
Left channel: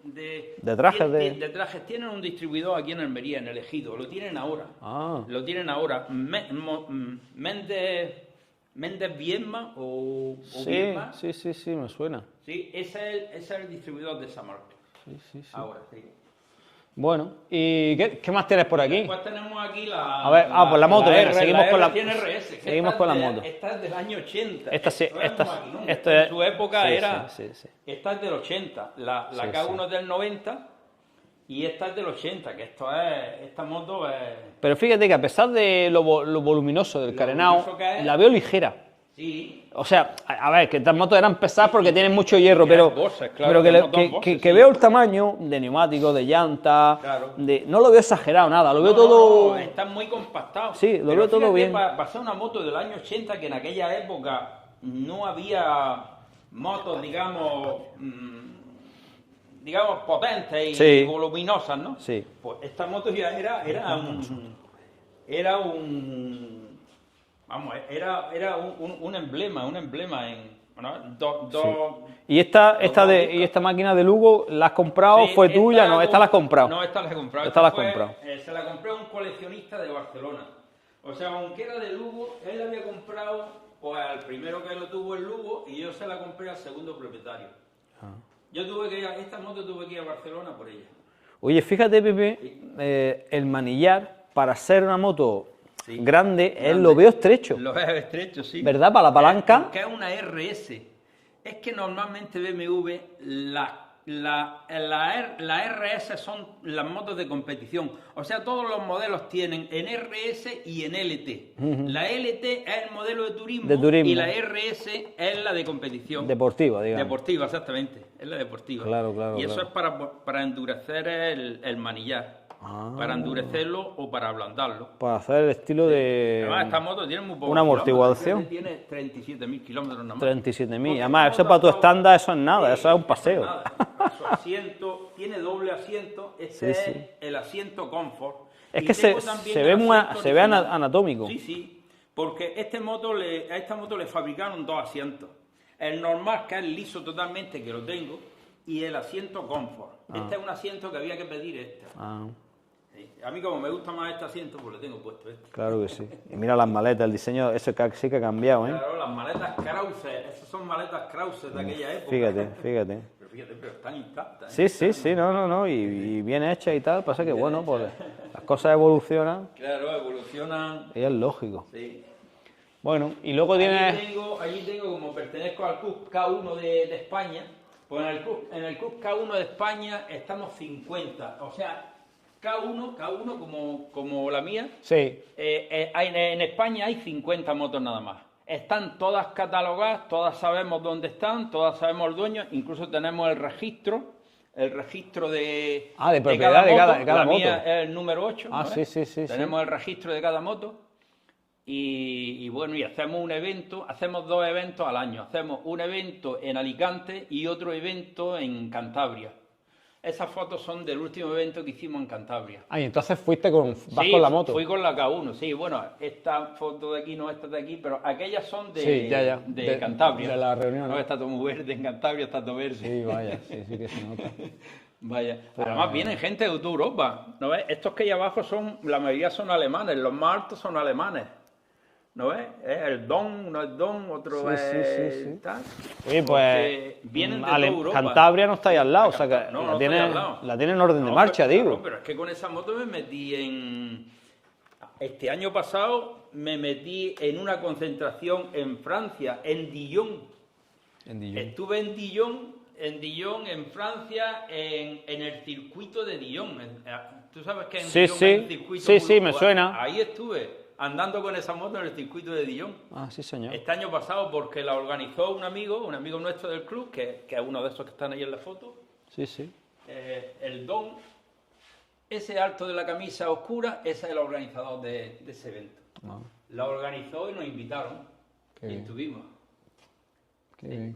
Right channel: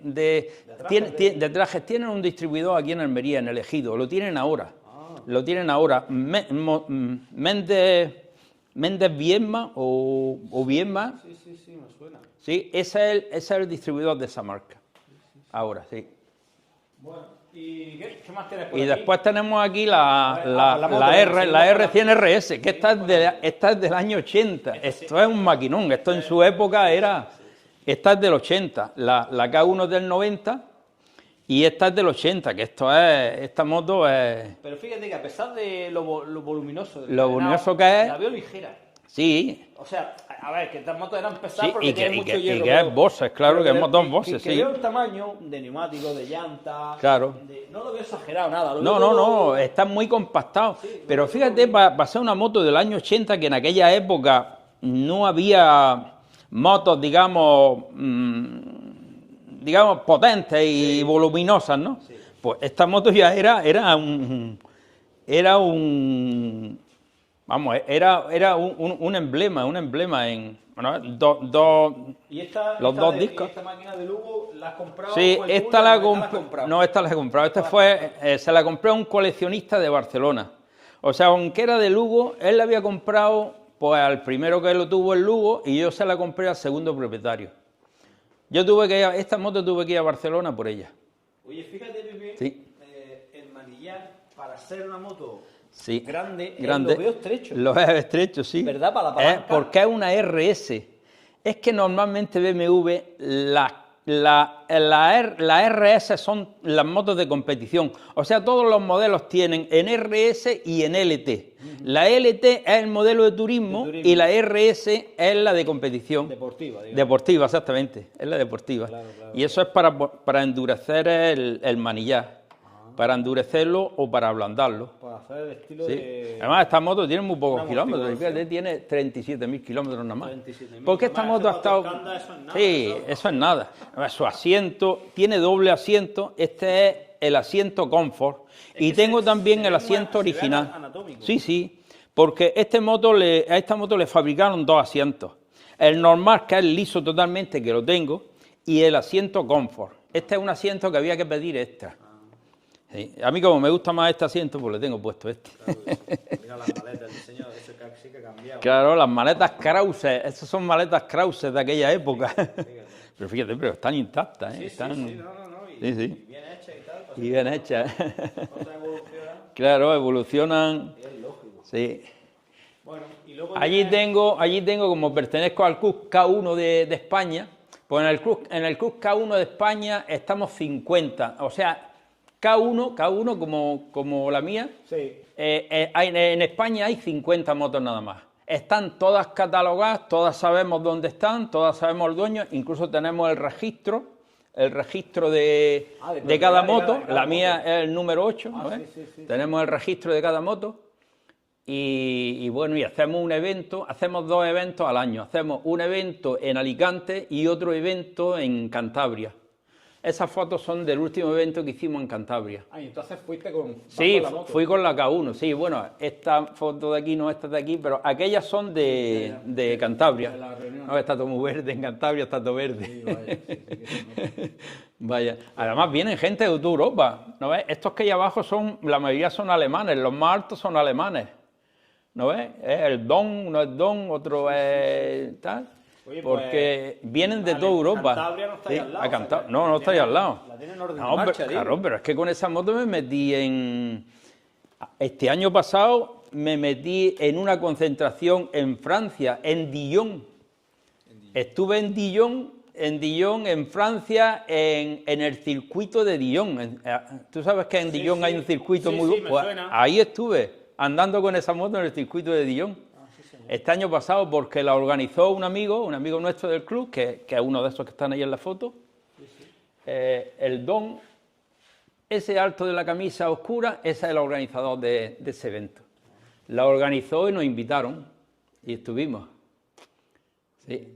trajes de trajes. Tienen un distribuidor aquí en Almería, en el Ejido. Lo tienen ahora. Ah. Lo tienen ahora. Méndez Viedma o Viedma. Sí, me suena. Sí, ese es el distribuidor de esa marca. Ahora, sí. Bueno, ¿y qué más tienes por y aquí? después tenemos aquí pues la moto, la, venga, R, seguimos la con la- R100 RS, que seguimos con la moto. esta es del año 80. Esta sí, Esto es un esta- maquinón. Esto esto en es- su época sí, era... sí. Esta es del 80. La K1 es del 90 y esta es del 80, que esta moto es... Pero fíjate que a pesar de lo voluminoso del Lo carenado, voluminoso que es- la veo ligera. Sí. O sea, a ver, que estas motos eran pesadas Sí, porque y tienen que- mucho y que- hierro, y que es pero... Boxer, claro, pero que es le- motor Boxer, que sí. veo el tamaño de neumáticos, de llantas... Claro. No lo veo exagerado, nada, lo veo No, todo... no, está muy compactado. Sí, lo pero veo todo fíjate, bien. para ser una moto del año 80, que en aquella época no había motos, digamos, digamos potentes y Sí. voluminosas, ¿no? Sí. Pues esta moto ya era un emblema en, bueno, ¿Y esta, Los dos discos. y esta máquina de Lugo la has comprado? Sí, ¿Fue tuya? No, esta la has comprado. No, esta la he comprado. Esta la Esta has fue, comprado. se la compré a un coleccionista de Barcelona. O sea, aunque era de Lugo, él la había comprado pues al primero que lo tuvo en Lugo y yo se la compré al segundo propietario. Yo tuve que ir esta moto tuve que ir a Barcelona por ella. Oye, fíjate, Pepe, Sí. el manillar, para ser una moto Sí. grande, Grande. lo veo estrecho. Lo veo estrecho, sí. ¿Verdad? Para la palanca. Porque es una RS. Es que normalmente BMW, la RS son las motos de competición. O sea, todos los modelos tienen en RS y en LT. La LT es el modelo de turismo, De turismo. y la RS es la de competición. Deportiva, digamos. Deportiva, exactamente. Es la deportiva. Claro, claro, y eso es para endurecer el manillar. Para endurecerlo o para ablandarlo. Para hacer el estilo de... Además, esta moto tiene muy pocos una kilómetros. amortiguación. Fíjate, tiene 37.000 kilómetros nada más. 37.000. Porque Además, esta eso moto para ha tu estado- estándar, eso es nada, Sí, eso es un eso paseo. es nada. Además, su asiento, tiene doble asiento. Este es el asiento Comfort. Es y que tengo se- también se el ve muy- asiento se ve original. anatómico. Sí, sí. Porque a esta moto le fabricaron dos asientos. El normal, que es liso totalmente, que lo tengo, y el asiento Comfort. Este es un asiento que había que pedir extra. Ah, Sí. A mí, como me gusta más este asiento, pues le tengo puesto este. claro que sí. Mira las maletas, el diseño, eso sí que ha cambiado. ¿eh? Claro, las maletas Krause, esas son maletas Krause de aquella época. Fíjate, fíjate. Pero fíjate, pero están intactas. Sí, sí, Están- sí, no, y, Sí, sí. y bien hecha y tal, pasa Y que bien bueno, hecha. pues, las cosas evolucionan Claro, evolucionan. y es lógico. Sí. Bueno, y luego Allí tienes... tengo, como pertenezco al Club K1 de España, pues en el Club K1 de España estamos 50. O sea, K1 como la mía, Sí, en España hay 50 motos nada más. Están todas catalogadas, todas sabemos dónde están, todas sabemos el dueño, incluso tenemos el registro de propiedad cada de moto. cada La moto. mía es el número 8. Ah, ¿no sí, ves? sí, sí, Tenemos el registro de cada moto. Y bueno, y hacemos un evento, hacemos dos eventos al año. Hacemos un evento en Alicante y otro evento en Cantabria. Esas fotos son del último evento que hicimos en Cantabria. Ah, y entonces fuiste vas Sí, con la moto. fui con la K1, sí, bueno, esta foto de aquí no, esta de aquí, pero aquellas son Sí, ya, ya. de Cantabria. de la reunión. No, está todo muy verde, en Cantabria está todo verde. Sí, vaya, sí que se nota. Vaya, además vienen gente de toda Europa, ¿no ves? Estos que hay abajo la mayoría son alemanes, los más altos son alemanes. ¿No ves? Es el Don, no es Don, otro Sí, sí, es sí, sí. tal. Oye, Porque vienen de toda Europa. Cantabria no está ahí Sí, al lado. a o sea, Canta- que no, la no está ahí tiene- al lado. La tiene en orden de No, marcha, hombre, digo. claro, pero es que con esa moto me metí este año pasado me metí en una concentración en Francia, en Dijon. Estuve en Dijon, en Francia, en el circuito de Dijon. Tú sabes que en Sí, Dijon sí. hay un circuito Sí, muy sí, me pues, suena. Ahí estuve, andando con esa moto en el circuito de Dijon. Ah, sí, señor. Este año pasado, porque la organizó un amigo nuestro del club, que es uno de esos que están ahí en la foto, Sí, sí. el Don, ese alto de la camisa oscura, ese es el organizador de ese evento. La organizó y nos invitaron y estuvimos. Sí.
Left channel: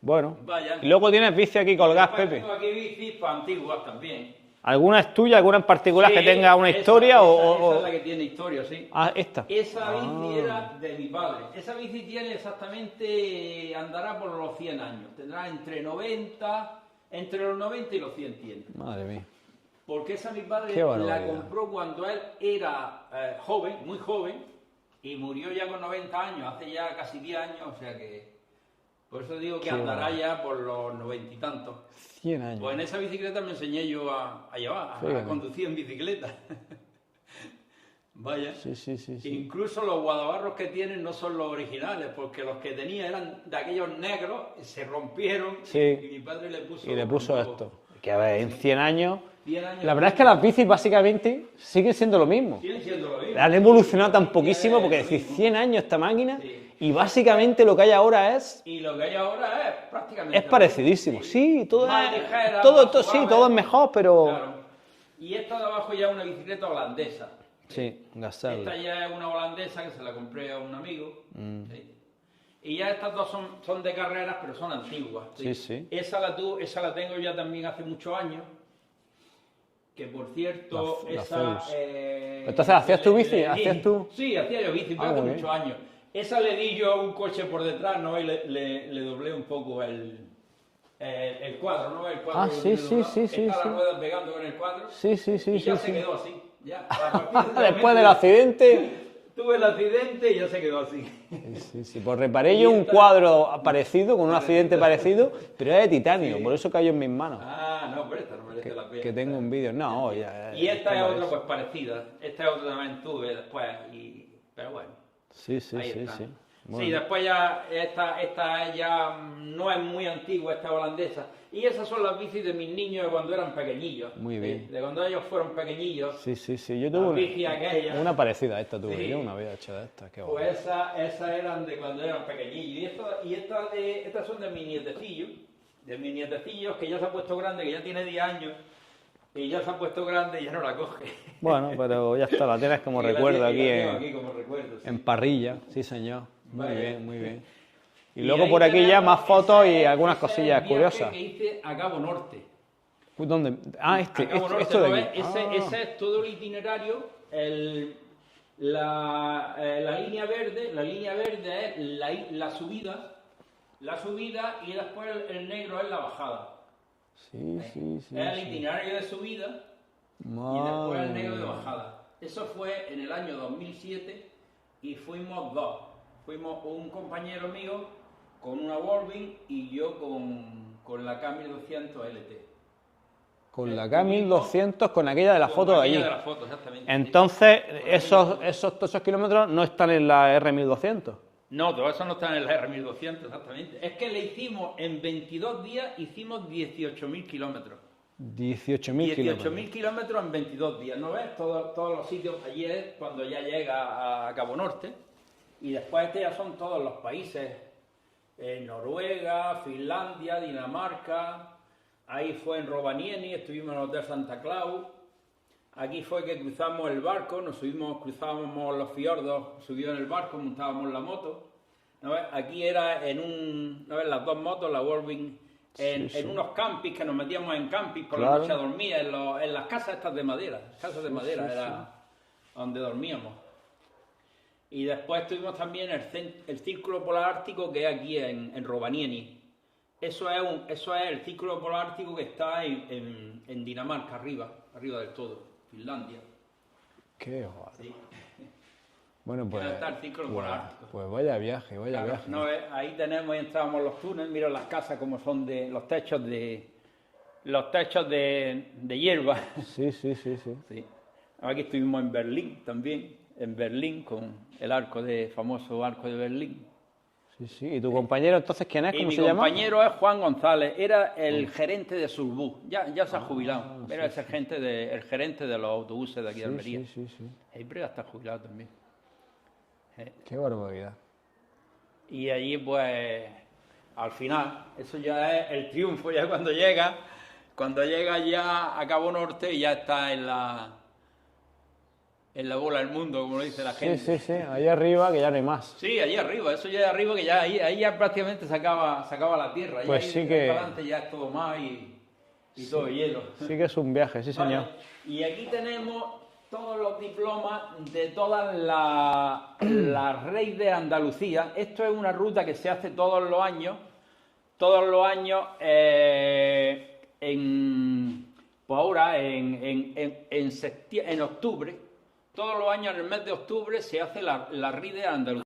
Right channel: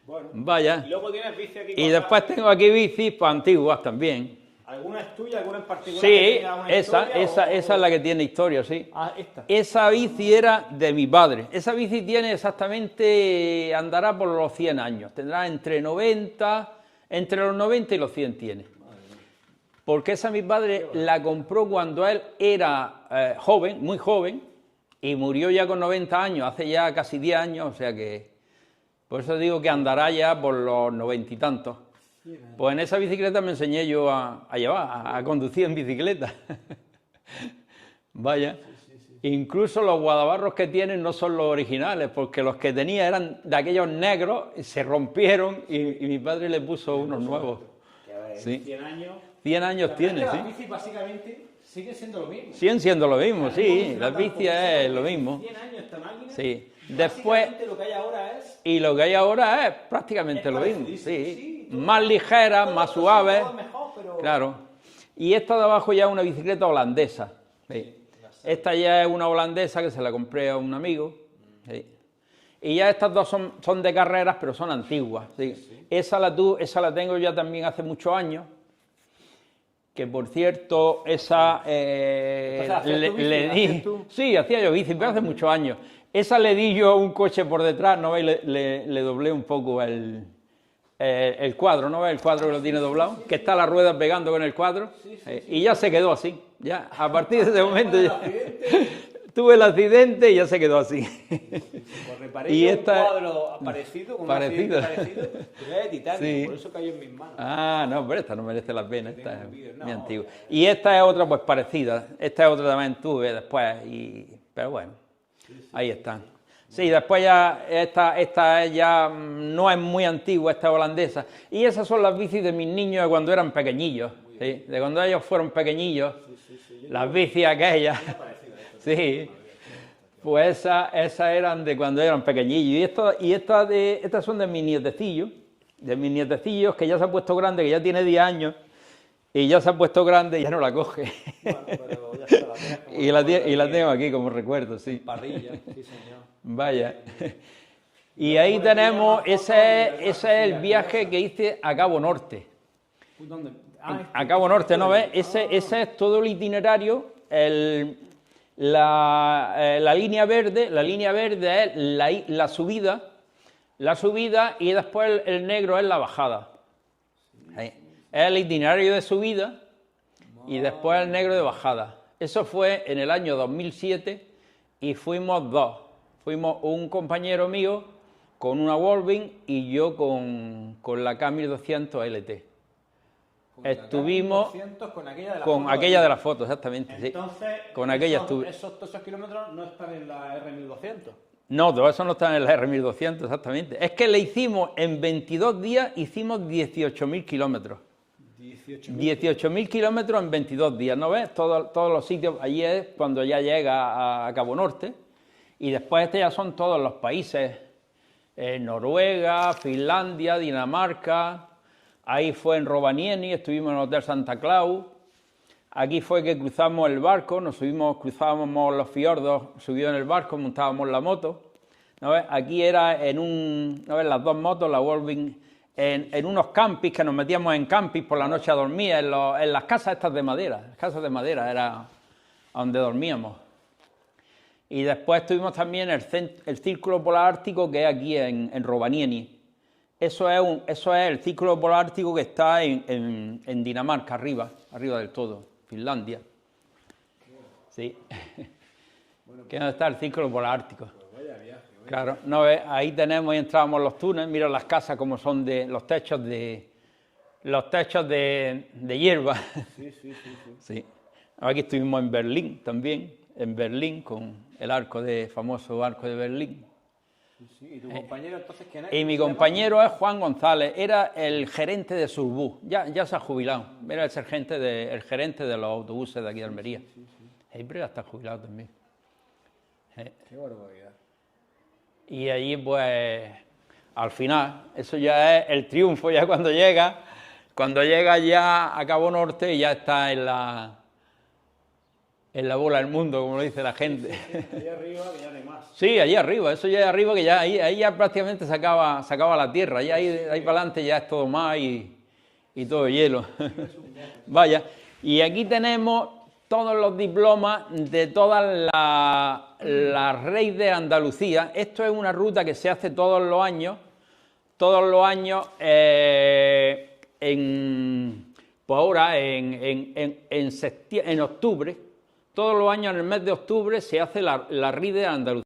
Bueno. Vaya. Y luego tienes bici aquí Y colgadas, después Pepe. tengo aquí bicis pues, antiguas también. ¿Alguna es tuya, alguna en particular Sí, que tenga una esa- historia? esa es la que tiene historia, sí. Ah, esta. Esa bici era de mi padre. Esa bici tiene exactamente, andará por los 100 años. Tendrá entre los 90 y los 100 tiene. Madre mía. Porque esa mi padre Qué barbaridad. la compró cuando él era joven, muy joven, y murió ya con 90 años, hace ya casi 10 años, o sea que... Por eso digo que andará ya por los 90 y tantos. 100 años. Pues en esa bicicleta me enseñé yo a llevar, a conducir en bicicleta. Vaya. Sí, sí, sí, sí. Incluso los guadabarros que tienen no son los originales, porque los que tenía eran de aquellos negros, se rompieron Sí. y mi padre le puso, Y le unos puso nuevos. esto. Que a ver, en Sí. 100 años 100 años. La verdad es que las bicis básicamente siguen siendo lo mismo. Siguen siendo lo mismo. Han sí, evolucionado la tan bici poquísimo es porque lo decir, mismo. 100 años esta máquina Sí. y básicamente lo que hay ahora es... Y lo que hay ahora es prácticamente Es lo parecidísimo, mismo. sí, todo más es- ligera, todo, más todo, suave. Sí, todo es mejor, pero... Claro. Y esta de abajo ya es una bicicleta holandesa. Sí, Gazelle. Esta ya es una holandesa que se la compré a un amigo. Sí. Y ya estas dos son de carreras, pero son antiguas. Sí, sí. Esa la tengo ya también hace muchos años. Que por cierto, esa... Entonces, ¿hacías tu bici? ¿Hacías tú? Sí, hacía yo bici, pero hace muchos años. Esa le di yo a un coche por detrás, ¿no? Y le doblé un poco el cuadro, ¿no? El cuadro lo sí, tiene sí, doblado, sí, que sí, está sí. la rueda pegando con el cuadro. Sí, sí, sí, Y ya sí, se sí. quedó así. Ya, a partir de ese Después momento... del accidente... Tuve el accidente y ya se quedó así. Sí, sí, pues reparé Y yo un esta- cuadro parecido, con un Parecido. accidente parecido, pero era de titanio, Sí. por eso cayó en mis manos. Ah, no, pero esta no merece la pena. que tengo esta un vídeo. es No, muy antigua. ya, Y esta es otra pues parecida. Esta es otra también tuve después. Pero bueno, Sí, sí, ahí sí, está. sí. Sí, después ya esta ya no es muy antigua, esta es holandesa. Y esas son las bicis de mis niños de cuando eran pequeñillos. Muy ¿sí? bien. De cuando ellos fueron pequeñillos. Sí, sí, sí. Yo Las tuve bicis aquellas. una parecida a esta, tuve. Sí. Yo no había hecho esta. Qué Pues esas eran de cuando eran pequeñillos. Estas son de mis nietecillos. De mis nietecillos que ya se ha puesto grande, que ya tiene 10 años. Y ya se ha puesto grande y ya no la coge. Bueno, pero ya está, la tienes como y la recuerdo tengo en- aquí como recuerdo, sí. en parrilla, sí señor. Vaya. Muy bien, muy bien. Y, Y luego ahí por aquí ya tenemos, más fotos y algunas ese es cosillas el viaje curiosas. que hice a Cabo Norte. ¿Dónde? Ah, A Cabo Norte, esto ¿no de ves? aquí. Ese es todo el itinerario. La línea verde es la subida y después el negro es la bajada. Sí, Ahí. sí, sí. Es el itinerario de subida y Madre después el negro de bajada. Eso fue en el año 2007 y fuimos dos. Fuimos un compañero mío con una Wolverine y yo con la K1200 LT. Con la Estuvimos K1200, con aquella de la con foto. aquella de allí. las fotos, exactamente. sí. Entonces, Con aquella estuve. esos kilómetros no están en la R1200. No, todo eso no está en el R1200, exactamente. Es que le hicimos en 22 días, hicimos 18.000 kilómetros. 18.000 kilómetros en 22 días, ¿no ves? Todos los sitios, allí es cuando ya llega a Cabo Norte. Y después ya son todos los países, Noruega, Finlandia, Dinamarca, ahí fue en Rovaniemi, estuvimos en el Hotel Santa Claus, aquí fue que cruzamos el barco, cruzábamos los fiordos, subió en el barco, montábamos la moto, ¿no ves? Aquí era ¿no ves? Las dos motos, la Wolverine, en unos campings, que nos metíamos en campings por la noche a dormir, en las casas estas de madera, era a donde dormíamos. Y después tuvimos también el Círculo Polar Ártico, que es aquí en Rovaniemi. Eso es el Círculo Polar Ártico que está en Dinamarca, arriba del todo, Finlandia. Qué guay. Sí. Bueno, Que no está el Círculo Polar Ártico. Pues vaya viaje, vaya Claro, viaje. no ves, ahí tenemos y entrábamos los túneles, mira las casas como son de los techos de hierba. Sí, sí, sí, sí. Sí. Aquí estuvimos en Berlín también, con el famoso arco de Berlín. Sí, sí. ¿Y tu compañero entonces quién es? Y ¿Cómo mi se llama? compañero es Juan González, era el gerente de Surbus, ya se ha jubilado, era el gerente de los autobuses de aquí de Almería. Sí, sí, sí. Pero ya está jubilado también. Qué barbaridad. Y allí pues, al final, eso ya es el triunfo, ya cuando llega ya a Cabo Norte y ya está en la bola del mundo, como lo dice la gente. Sí, sí, sí. Ahí arriba que ya no hay más. Sí, allí arriba, eso ya es arriba, que ya ahí ya prácticamente se acaba la tierra, y Pues ahí, sí ahí que- para adelante ya es todo mar y todo hielo. Sí que es un viaje, sí. Vaya, señor. y aquí tenemos todos los diplomas de todas las Reyes de Andalucía. Esto es una ruta que se hace todos los años pues ahora en octubre, todos los años en el mes de octubre se hace la Rey de Andalucía.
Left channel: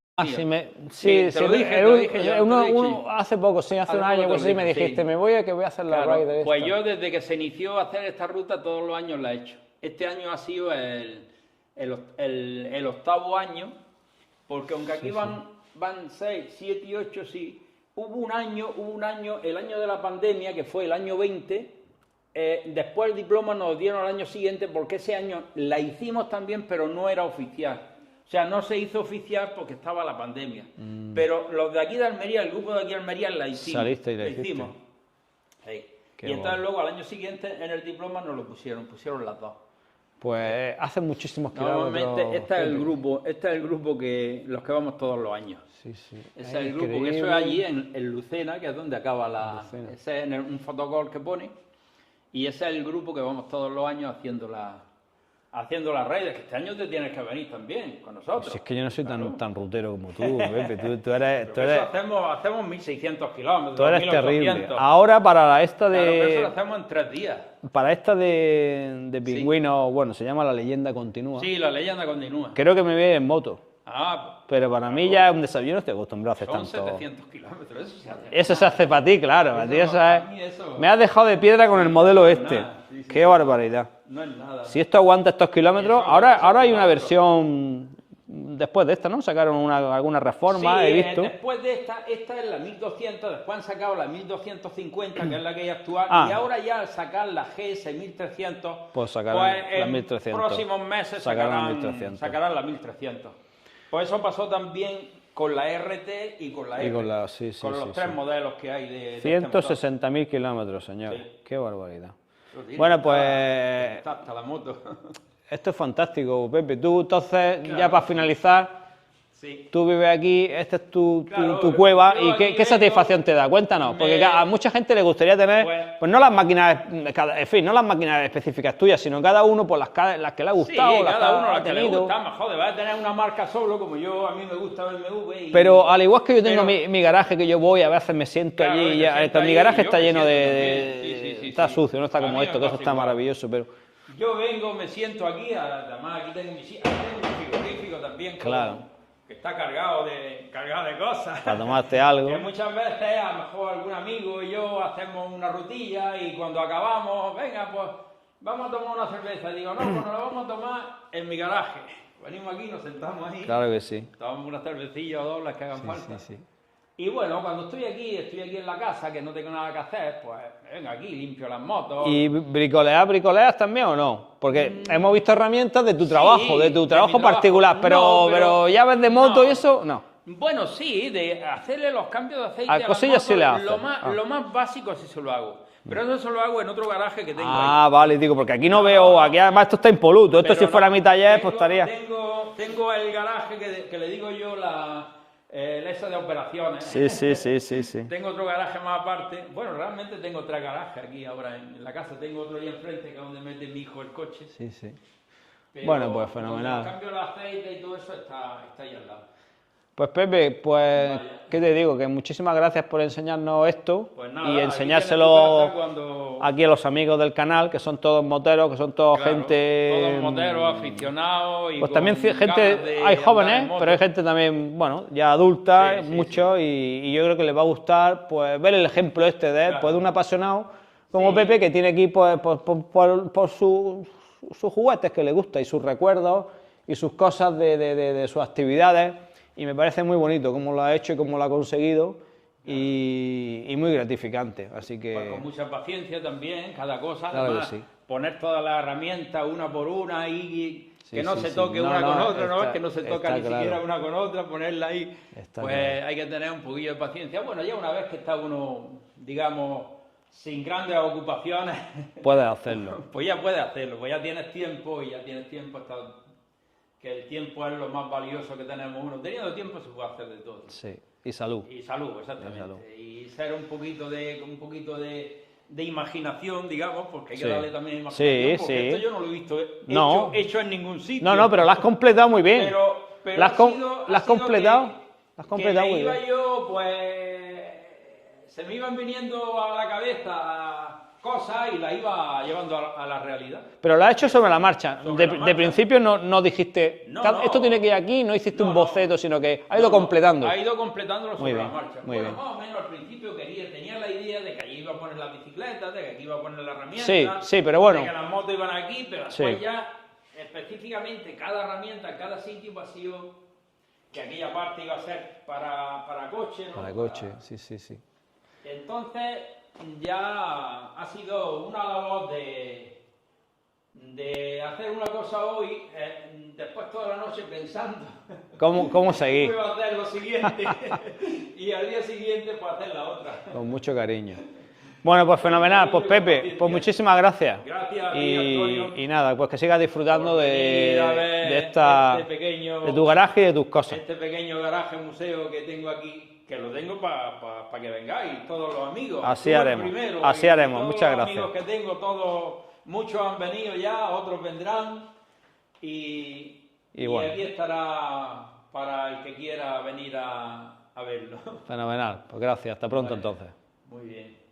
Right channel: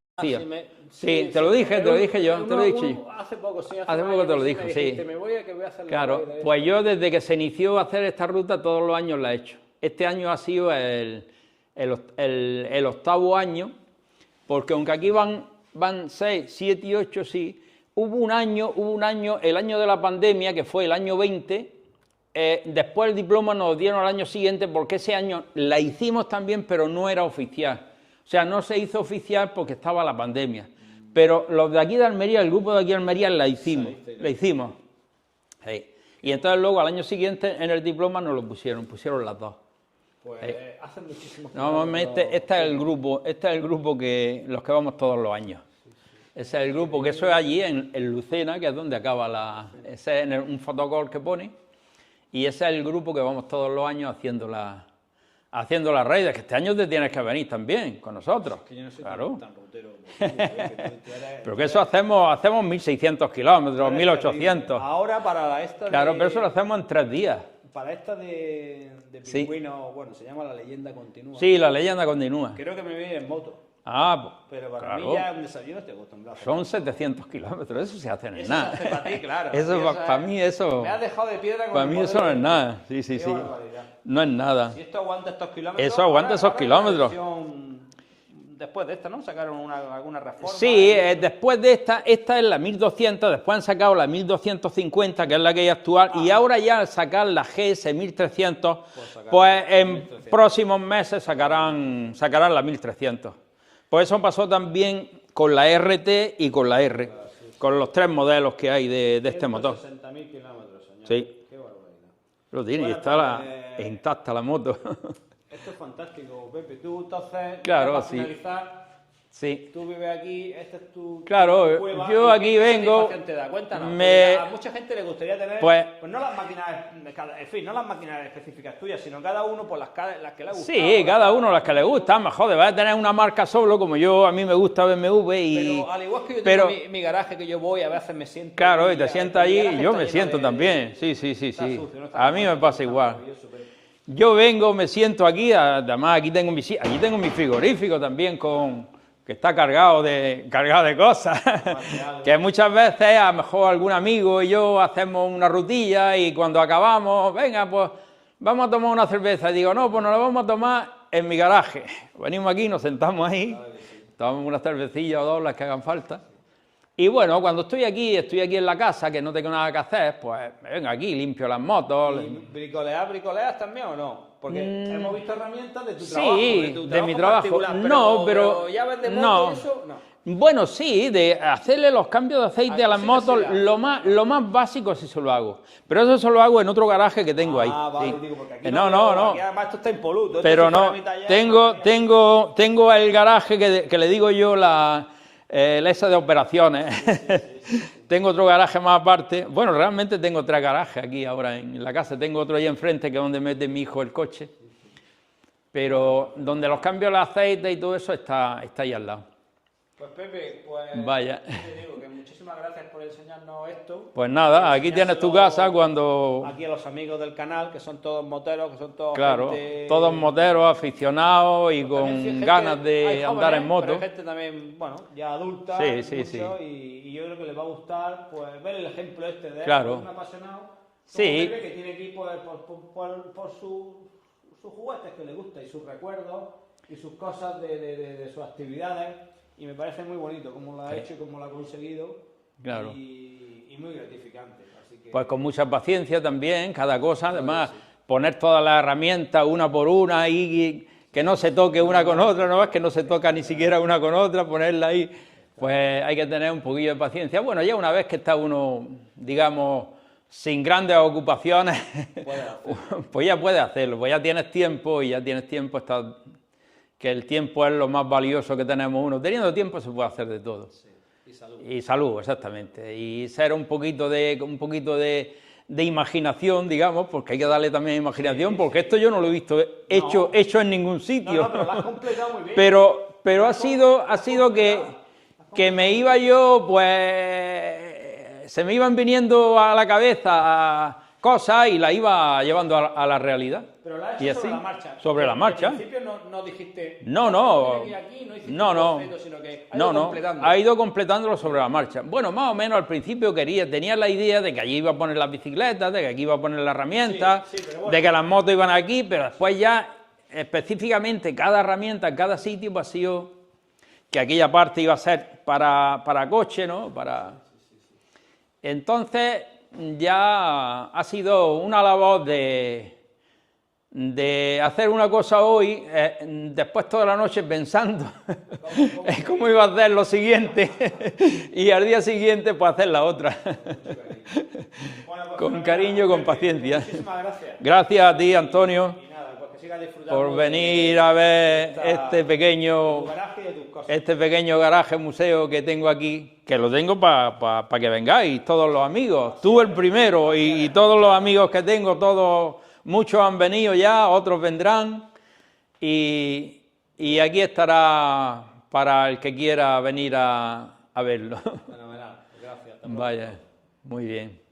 Sí, te lo dije yo, te lo he dicho. Hace poco, sí, hace Hace un poco año, te lo sí, dije, me dijiste, sí. me voy a hacer la Claro, raíz de pues esta. yo desde que se inició a hacer esta ruta todos los años la he hecho. Este año ha sido el 8º año, porque aunque aquí van 6, 7 y 8, sí, hubo un año, el año de la pandemia, que fue el año 20, después el diploma nos dieron al año siguiente porque ese año la hicimos también, pero no era oficial. O sea, no se hizo oficial porque estaba la pandemia. Pero los de aquí de Almería, el grupo de aquí de Almería, la hicimos. Saliste y la hicimos. Sí. Y entonces luego al año siguiente en el diploma nos lo pusieron las dos. Pues hace muchísimos kilómetros. Normalmente este es el grupo que los que vamos todos los años. Sí, sí. Ese es el grupo, que eso es allí en Lucena, que es donde acaba ese es un fotocall que pone, y ese es el grupo que vamos todos los años haciendo las raids, que este año te tienes que venir también con nosotros. Si es que yo no soy Claro. tan rutero como tú, Pepe. Tú eres... Pero que eso hacemos 1.600 kilómetros, 1.800. Ahora para esta de... Claro, pero eso lo hacemos en 3 días. Para esta de pingüino, bueno, se llama La Leyenda Continúa. Sí, la leyenda continúa. Creo que me voy en moto. Ah, Pero para mí ya es un desafío, no estoy acostumbrado a hacer son tanto. 700 kilómetros, eso se hace. Eso se hace para ti, claro. Eso A ti para mí eso... Me has dejado de piedra con para el mí modelo eso es este. nada. Sí, sí, Qué sí. barbaridad. No es nada. Si esto aguanta estos kilómetros, Eso aguanta esos ahora hay una kilómetros. versión después de esta, ¿no? Sacaron alguna reforma. Sí, he visto. después de esta es la 1200, después han sacado la 1250, que es la que hay actual, y ahora ya al sacar la GS 1300, Pues sacarán pues la en 1300. próximos meses Sacarán la 1300. sacarán la 1300. Pues eso pasó también con la RT y con la Y R, con la- sí, sí, con los sí, 3 modelos que hay de este motor. 160.000 kilómetros, señor. Sí. Qué barbaridad. Lo tiene, Bueno, está pues- intacta la moto. Esto es fantástico, Pepe. Tú, entonces, Claro, ya para sí. finalizar, Sí. tú vives aquí, esta es tu Claro, cueva. yo ¿Y aquí qué vengo, satisfacción te da? Cuéntanos. me- Porque a mucha gente le gustaría tener, Pues- pues no las máquinas, en fin, no las máquinas específicas tuyas, sino cada uno por las que le ha Sí, gustado. cada uno las que le ha tenido. gustan, mejor, debe tener una marca solo, como a mí me gusta BMW. Pero al igual que yo tengo pero- mi garaje que yo voy, a veces me siento Claro, allí, te ya, sientas mi ahí, garaje yo está me lleno siento de... también. Sí, Está sí. sucio, no está A como mí me esto, que pasa esto está igual. maravilloso, pero... Yo vengo, me siento aquí, además aquí tengo mi frigorífico también Claro. que está cargado de cosas. Para tomarte algo. Que muchas veces a lo mejor algún amigo y yo hacemos una rutilla y cuando acabamos, venga, pues vamos a tomar una cerveza. Y digo, no, pues nos la vamos a tomar en mi garaje. Venimos aquí, nos sentamos ahí, Claro que sí. tomamos una cervecilla o dos, las que hagan falta. Y bueno, cuando estoy aquí en la casa, que no tengo nada que hacer, pues me vengo aquí, limpio las motos. ¿Y bricoleas también o no? Porque hemos visto herramientas de tu Sí, trabajo, de de tu mi trabajo trabajo. particular, No, pero llaves de moto no. y eso, no. Bueno, sí, de hacerle los cambios de aceite A a las cosillas sí motos, le haces. lo más básico sí se lo hago. Pero eso se lo hago en otro garaje que tengo ahí. Ah, vale, digo, porque aquí no, No, veo, no. aquí además esto está impoluto, esto Pero si fuera no, mi taller, pues estaría- tengo el garaje que le digo yo el ese de operaciones. Sí. Tengo otro garaje más aparte. Bueno, realmente tengo 3 garajes aquí ahora en la casa. Tengo otro ahí enfrente que es donde mete mi hijo el coche. Sí. Pero Bueno, pues fenomenal. donde los cambios de aceite y todo eso está ahí al lado. Pues Pepe, pues, Vaya. ¿qué te digo? Que muchísimas gracias por enseñarnos esto. Pues y nada, aquí tienes tu enseñárselo casa cuando... aquí a los amigos del canal, que son todos moteros, que son todos Claro, gente... todos moteros, aficionados y Pues con también ganas gente, de hay andar jóvenes, en moto. pero hay gente también, bueno, ya adulta, Sí, mucho, y yo creo que les va a gustar pues ver el ejemplo este de él, Claro. pues, de un apasionado como Sí. Pepe, que tiene aquí pues, por sus juguetes que le gusta y sus recuerdos y sus cosas de sus actividades, y me parece muy bonito cómo lo ha hecho y cómo lo ha conseguido, Claro. y muy gratificante, así que... Pues con mucha paciencia también, cada cosa, Claro además, que sí. poner todas las herramientas una por una y que no se toque No, una no, con otra, no es está- que no se toca está ni claro. siquiera una con otra, ponerla ahí, Está pues claro. hay que tener un poquillo de paciencia. Bueno, ya una vez que está uno, digamos, sin grandes ocupaciones, Puedes hacerlo. pues ya puedes hacerlo, pues ya tienes tiempo que el tiempo es lo más valioso que tenemos uno. Teniendo tiempo se puede hacer de todo. Sí, y salud. Y salud, exactamente. Y ser un poquito de imaginación, digamos, porque hay que darle también imaginación, Sí, porque sí. esto yo no lo he visto No. hecho en ningún sitio. No, pero lo has completado muy bien. Pero Lo ha has com- sido, lo ha has sido completado. Lo has que completado me muy iba bien. yo, pues, se me iban viniendo a la cabeza cosas y las iba llevando a la realidad. Pero lo has hecho Y sobre así, la marcha. sobre la marcha. De principio no dijiste, No, no. esto tiene que ir aquí, no hiciste No, un no. boceto, sino que ha ido No, no, completando. ha ido completándolo sobre bien, la marcha. muy Bueno, bien. más o menos al principio tenía la idea de que allí iba a poner las bicicletas, de que aquí iba a poner las herramientas, Sí, pero bueno. de que las motos iban aquí, pero después Sí. ya específicamente cada herramienta en cada sitio pues, ha sido que aquella parte iba a ser para coche, ¿no? Coche, sí. Entonces, ya ha sido una labor de hacer una cosa hoy, después toda la noche pensando ¿Cómo seguir? cómo iba a hacer lo siguiente y al día siguiente pues hacer la otra. Con mucho cariño. Bueno, pues Con fenomenal, cariño, pues con Pepe, paciencia. pues muchísimas gracias. Gracias a ti, Antonio, Y nada, pues que sigas disfrutando por venir a ver este pequeño... de tu garaje y de tus cosas. Este pequeño garaje museo que tengo aquí, que lo tengo para que vengáis todos los amigos. Así Tú el haremos, primero así y haremos, todos los muchas amigos gracias. que tengo, todos, muchos han venido ya, otros vendrán y bueno. aquí estará para el que quiera venir a verlo. Fenomenal, pues gracias, hasta pronto Vaya, entonces. muy bien.